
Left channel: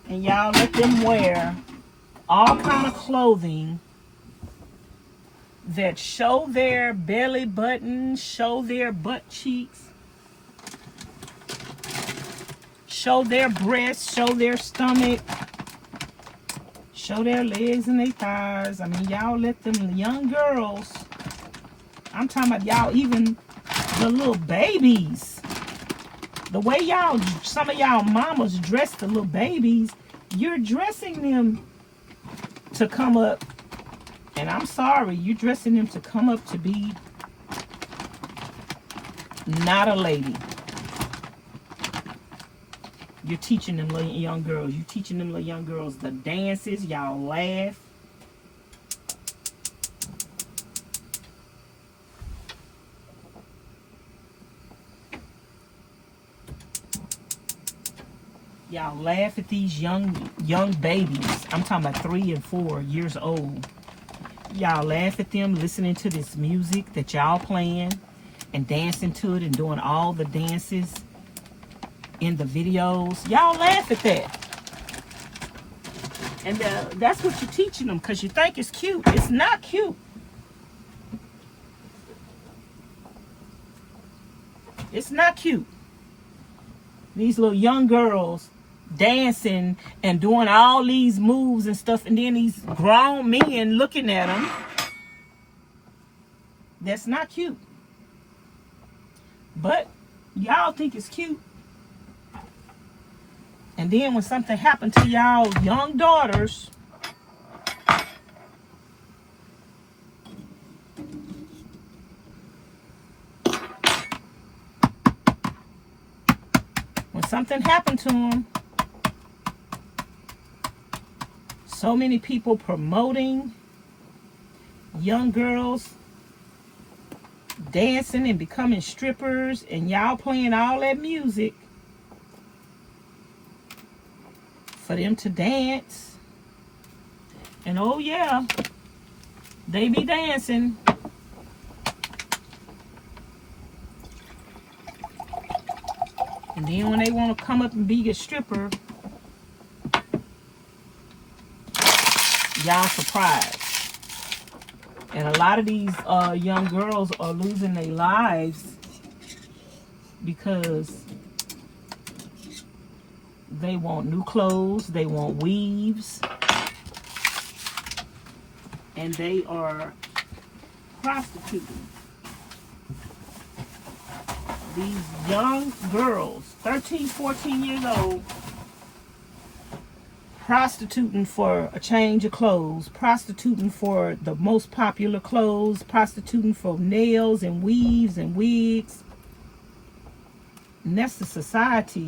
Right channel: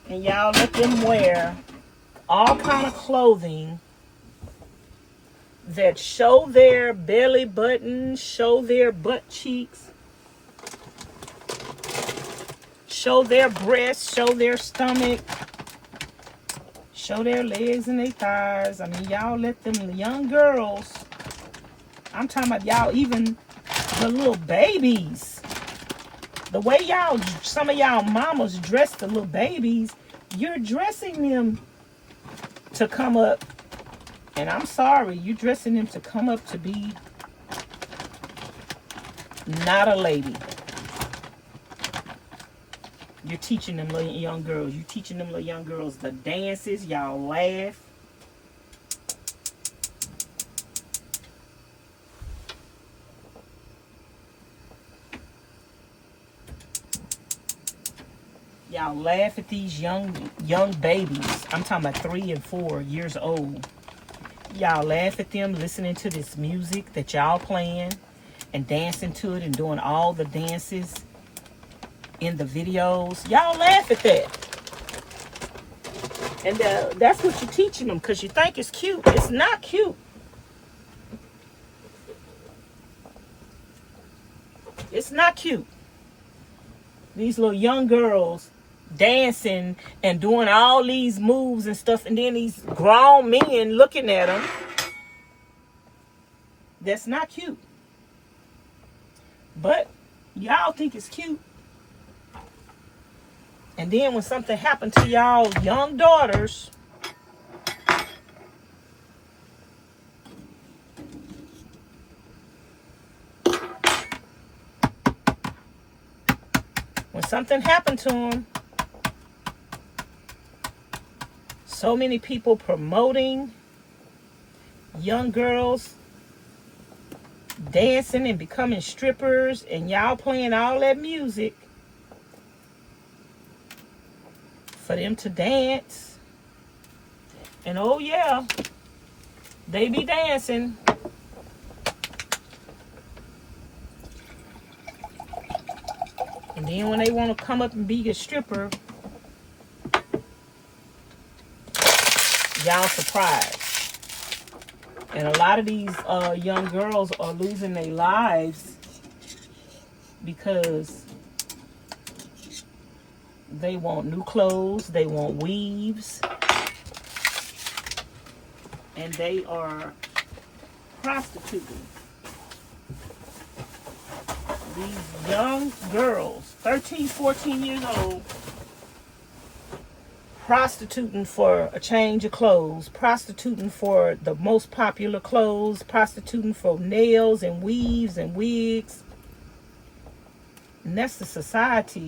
And y'all let them wear all kind of clothing that show their belly button, show their butt cheeks, show their breasts, show their stomach, show their legs and their thighs. I mean, y'all let them young girls, I'm talking about y'all, even the little babies. The way y'all, some of y'all mamas dress the little babies, you're dressing them to come up, and I'm sorry, you're dressing them to come up to be not a lady. You're teaching them little young girls. You're teaching them little young girls the dances. Y'all laugh. Y'all laugh at these young babies. I'm talking about 3 and 4 years old. Y'all laugh at them listening to this music that y'all playing and dancing to it and doing all the dances in the videos. Y'all laugh at that. And that's what you're teaching them because you think it's cute. It's not cute. It's not cute. These little young girls dancing and doing all these moves and stuff, and then these grown men looking at them. That's not cute. But y'all think it's cute. And then when something happened to y'all young daughters, something happened to them, so many people promoting young girls dancing and becoming strippers, and y'all playing all that music for them to dance And oh yeah, they be dancing. And then when they want to come up and be a stripper, y'all surprised. And a lot of these young girls are losing their lives because they want new clothes, they want weaves, and they are prostituting. These young girls, 13, 14 years old, prostituting for a change of clothes, prostituting for the most popular clothes, prostituting for nails and weaves and wigs. And that's the society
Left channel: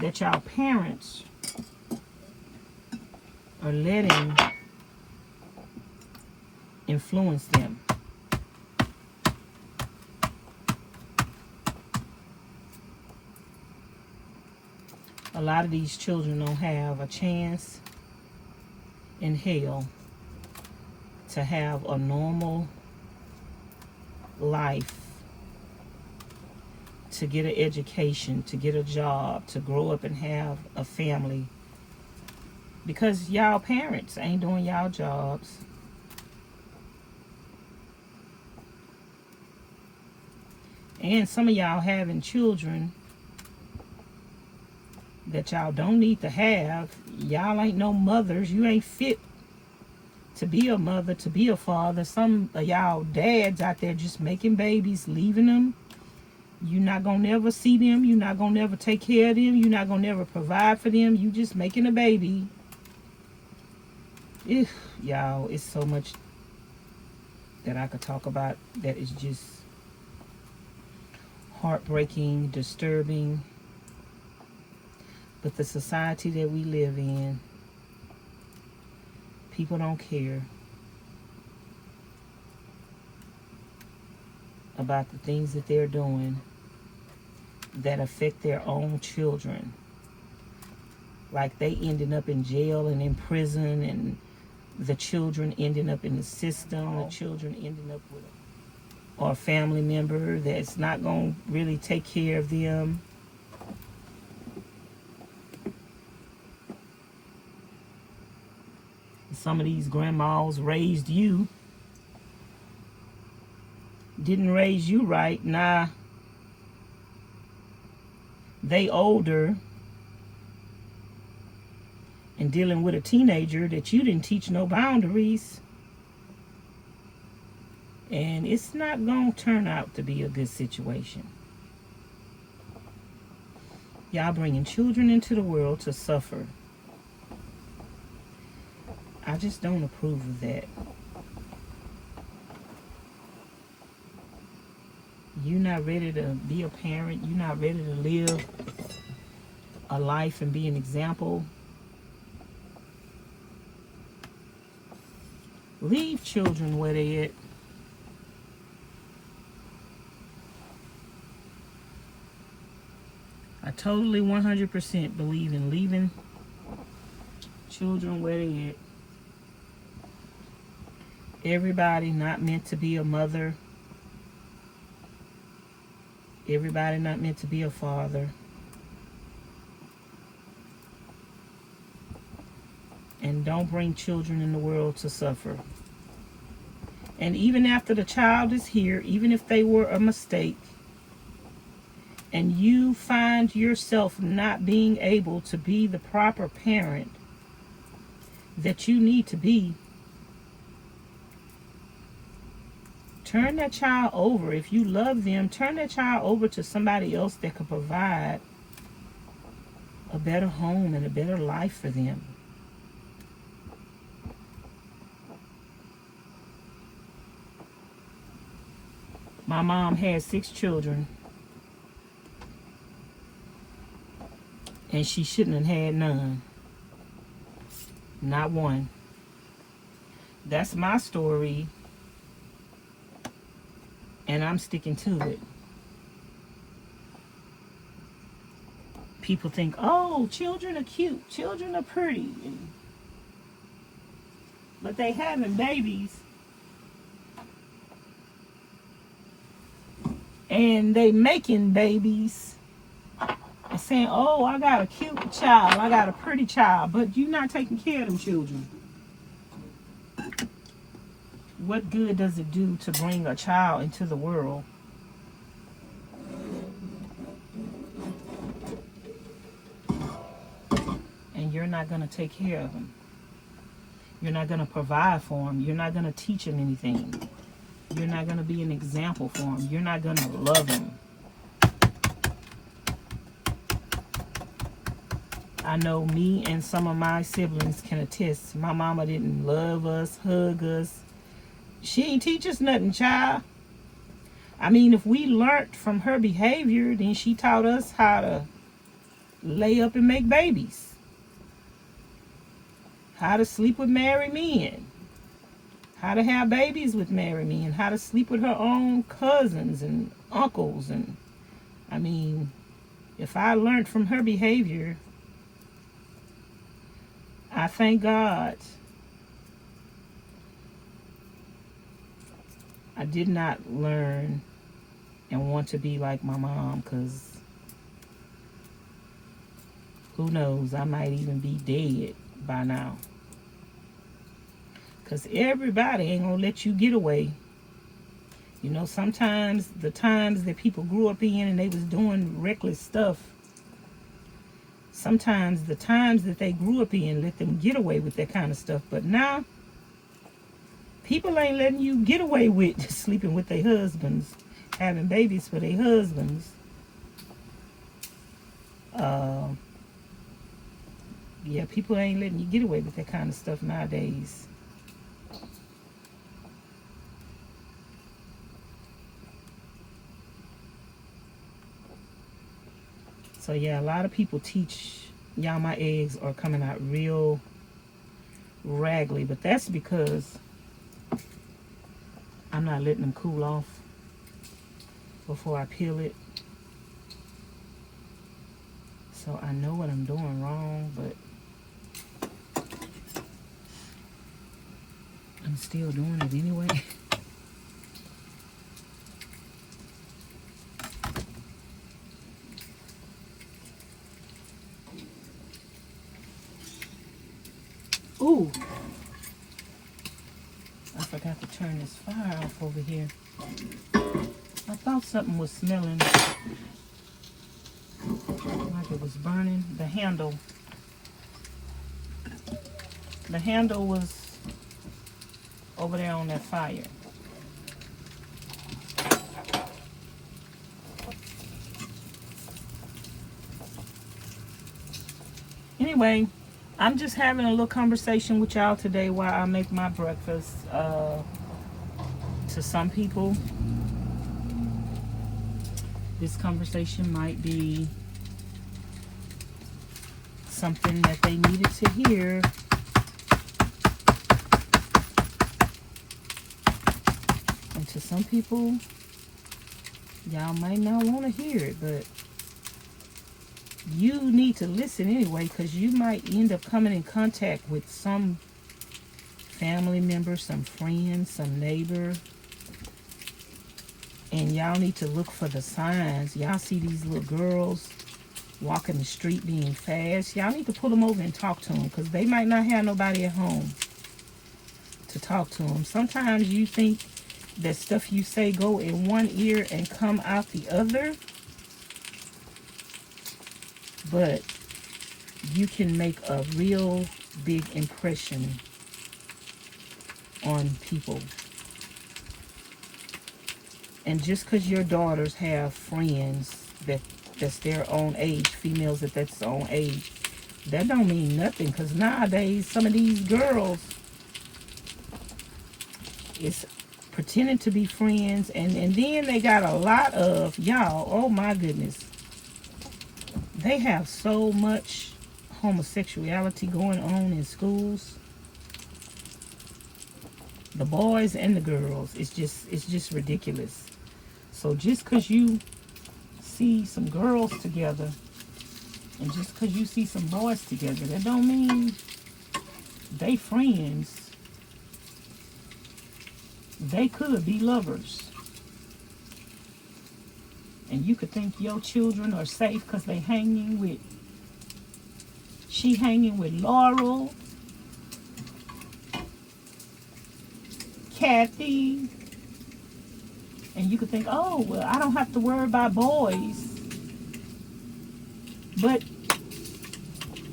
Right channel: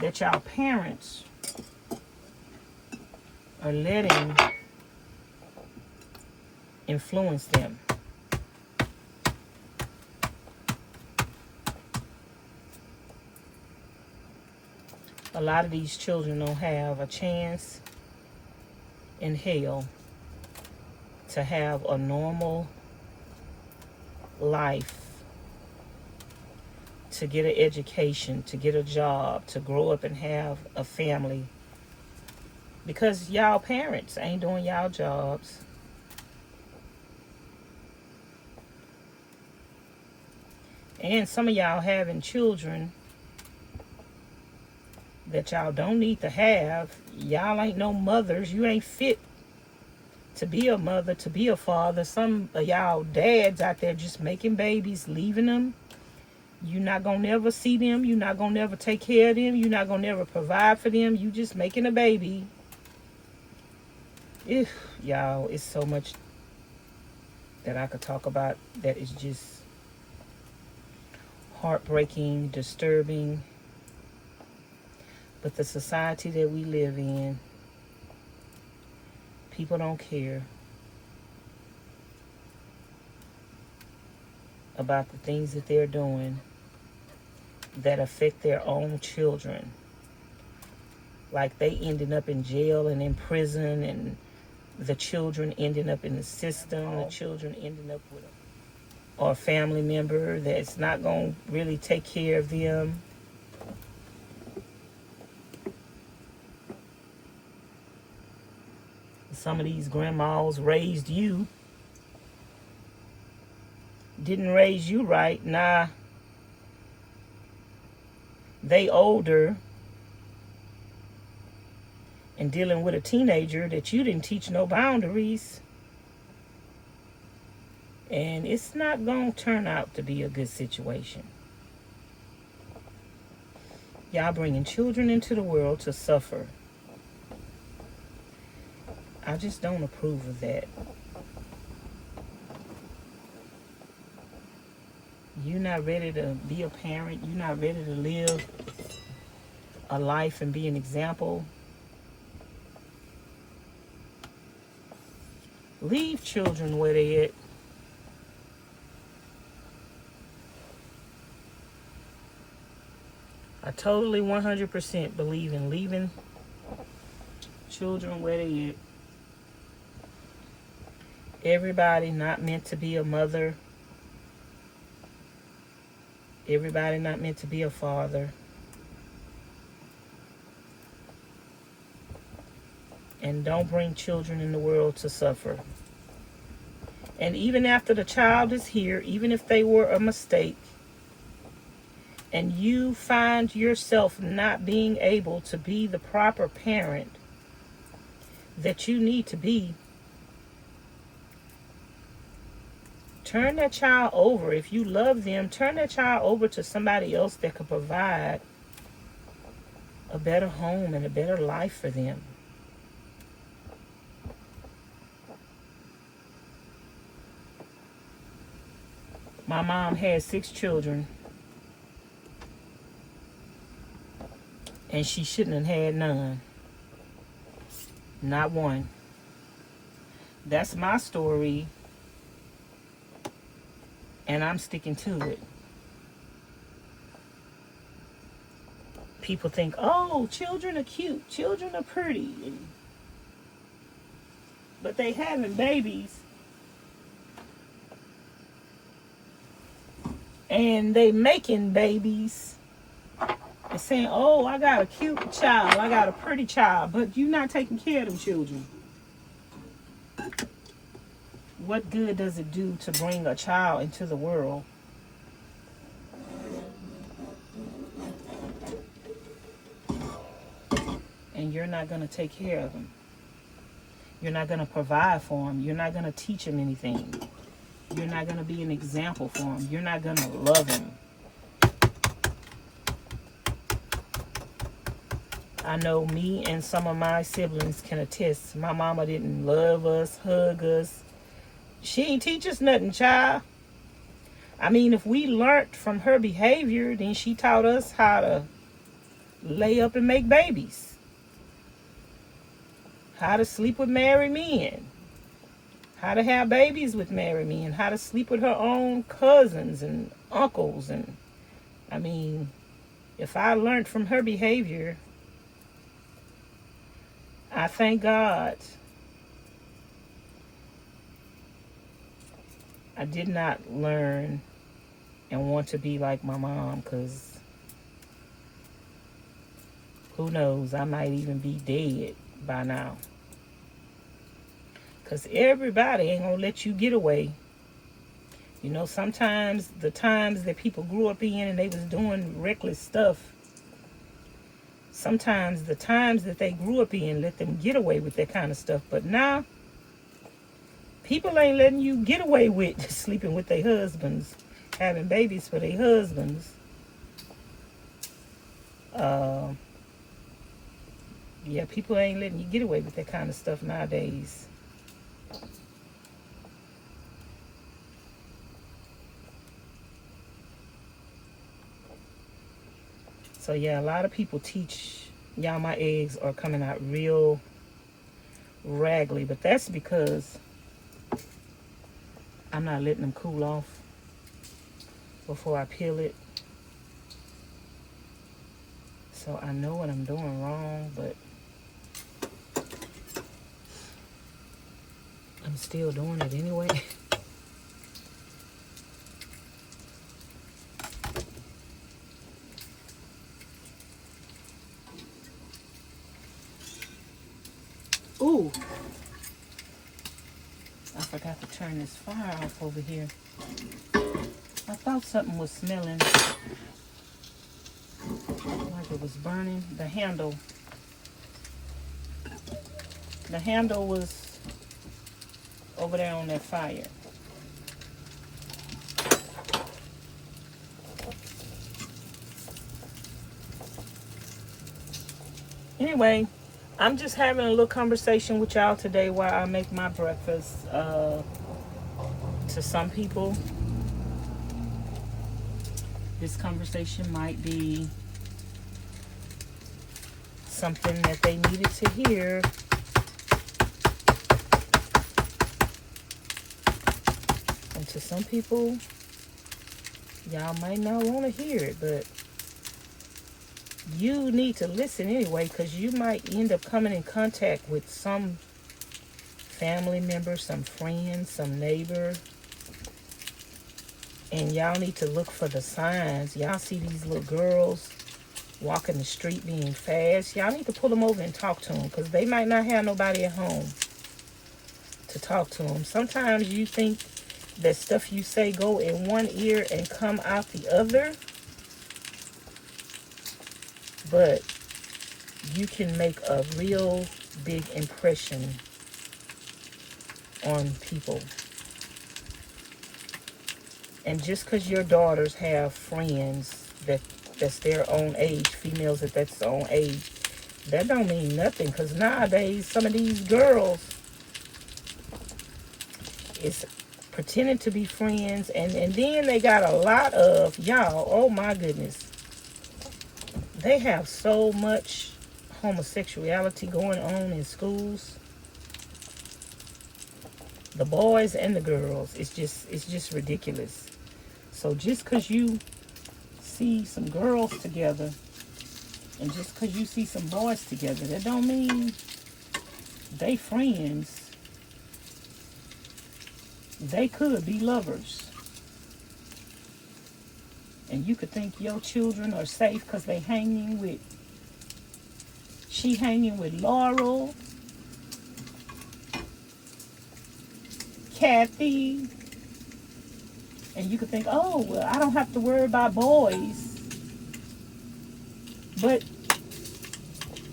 that y'all parents are letting influence them. A lot of these children don't have a chance in hell to have a normal life, to get an education, to get a job, to grow up and have a family, because y'all parents ain't doing y'all jobs. And some of y'all having children that y'all don't need to have. Y'all ain't no mothers. You ain't fit to be a mother, to be a father. Some of y'all dads out there just making babies, leaving them. You're not gonna never see them. You're not gonna never take care of them. You're not gonna never provide for them. You just making a baby. Y'all, it's so much that I could talk about that is just heartbreaking, disturbing. But the society that we live in, people don't care about the things that they're doing that affect their own children. Like they ending up in jail and in prison, and the children ending up in the system, the children ending up with a family member that's not going to really take care of them. Some of these grandmas raised you, didn't raise you right. Nah, they older and dealing with a teenager that you didn't teach no boundaries. And it's not going to turn out to be a good situation. Y'all bringing children into the world to suffer. I just don't approve of that. You're not ready to be a parent. You're not ready to live a life and be an example. Leave children where they at. I totally 100% believe in leaving children where they at. Everybody not meant to be a mother. Everybody not meant to be a father. And don't bring children in the world to suffer. And even after the child is here, even if they were a mistake, and you find yourself not being able to be the proper parent that you need to be, turn that child over. If you love them, turn that child over to somebody else that could provide a better home and a better life for them. My mom had 6 children, and she shouldn't have had none. Not one. That's my story, and I'm sticking to it. People think, oh, children are cute, children are pretty. but they having babies. And they making babies and saying, oh, I got a cute child, I got a pretty child, but you're not taking care of them children. What good does it do to bring a child into the world and you're not going to take care of them? You're not going to provide for them. You're not going to teach them anything. You're not going to be an example for them. You're not going to love them. I know me and some of my siblings can attest. My mama didn't love us, hug us. She ain't teach us nothing, child. I mean, if we learned from her behavior, then she taught us how to lay up and make babies. How to sleep with married men. How to have babies with married men, how to sleep with her own cousins and uncles. And I mean, if I learned from her behavior, I thank God I did not learn and want to be like my mom, because who knows, I might even be dead by now. Because everybody ain't going to let you get away. You know, sometimes the times that people grew up in and they was doing reckless stuff, sometimes the times that they grew up in let them get away with that kind of stuff. But now, people ain't letting you get away with sleeping with their husbands, having babies for their husbands. Yeah, people ain't letting you get away with that kind of stuff nowadays. So yeah, a lot of people teach y'all my eggs are coming out real raggedy, but that's because I'm not letting them cool off before I peel it. So I know what I'm doing wrong, but I'm still doing it anyway. Ooh, I forgot to turn this fire off over here. I thought something was smelling like it was burning. The handle was over there on that fire. Anyway, I'm just having a little conversation with y'all today while I make my breakfast. To some people, this conversation might be something that they needed to hear. And to some people, y'all might not want to hear it, but you need to listen anyway, because you might end up coming in contact with some family member, some friend, some neighbor, and y'all need to look for the signs. Y'all see these little girls walking the street being fast. Y'all need to pull them over and talk to them, because they might not have nobody at home to talk to them. Sometimes you think that stuff you say go in one ear and come out the other, but you can make a real big impression on people. And just because your daughters have friends that's their own age, females that's their own age, that don't mean nothing. Because nowadays, some of these girls is pretending to be friends, and then they got a lot of, y'all, oh my goodness, they have so much homosexuality going on in schools. The boys and the girls, it's just ridiculous. So just because you see some girls together, and just because you see some boys together, that don't mean they friends. they could be lovers. And you could think your children are safe because she hanging with Laurel, Kathy, and you could think, oh, well, I don't have to worry about boys. But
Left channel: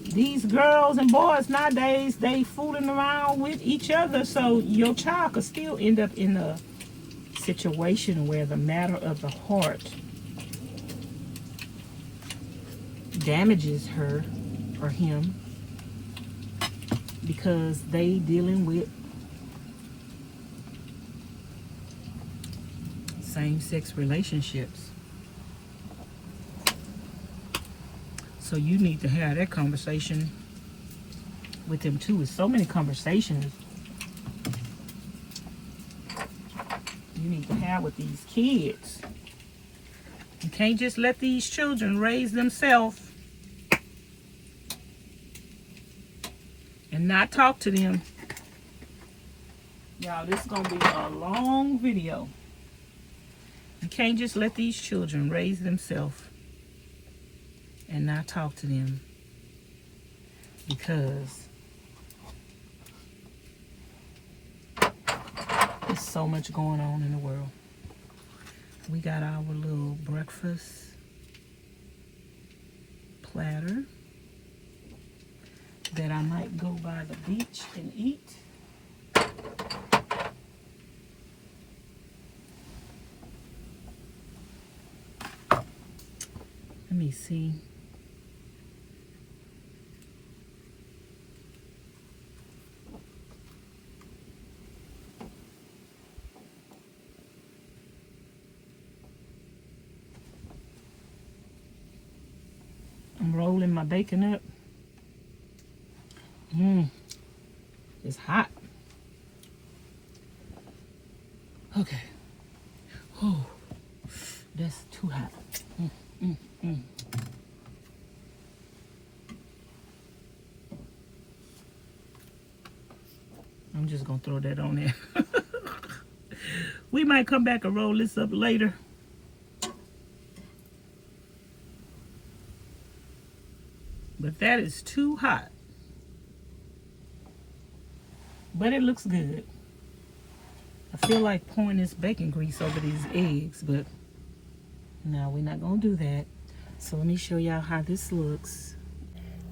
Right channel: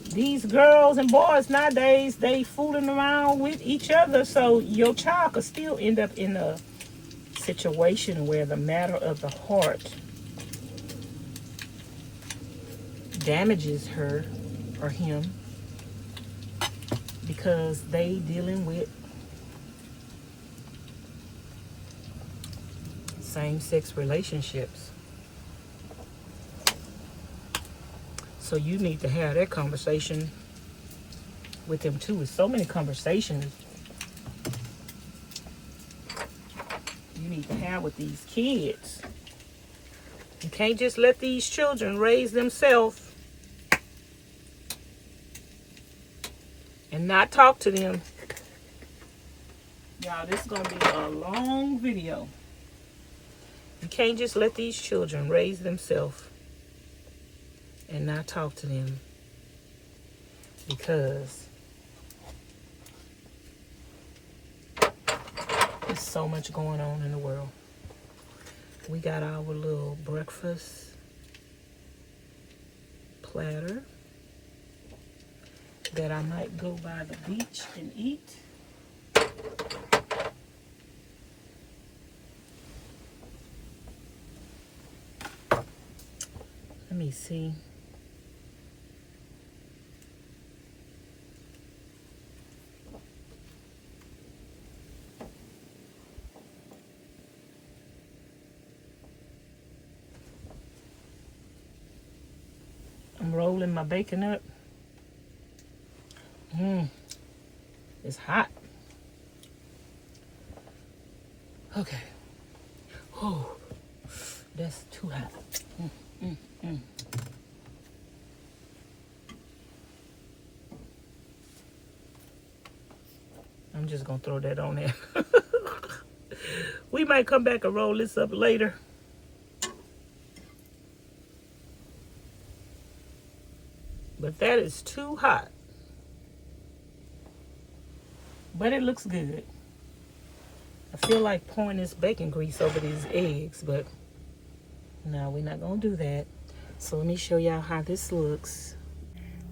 these girls and boys nowadays, they fooling around with each other, so your child could still end up in a situation where the matter of the heart damages her or him because they dealing with same-sex relationships. So you need to have that conversation with them too. With so many conversations you need to have with these kids. You can't just let these children raise themselves and not talk to them. Y'all, this is going to be a long video. You can't just let these children raise themselves and not talk to them, because there's so much going on in the world. We got our little breakfast platter that I might go by the beach and eat. Let me see. I'm rolling my bacon up. It's hot. Okay. Oh, that's too hot. I'm just gonna throw that on there. We might come back and roll this up later. But that is too hot. But it looks good. I feel like pouring this bacon grease over these eggs, but no, we're not gonna do that. So let me show y'all how this looks.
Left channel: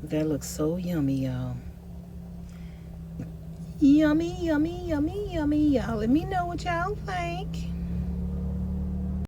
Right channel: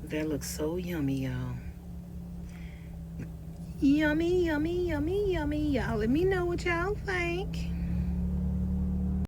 That looks so yummy, y'all. Yummy, yummy, yummy, yummy, y'all. Let me know what y'all think.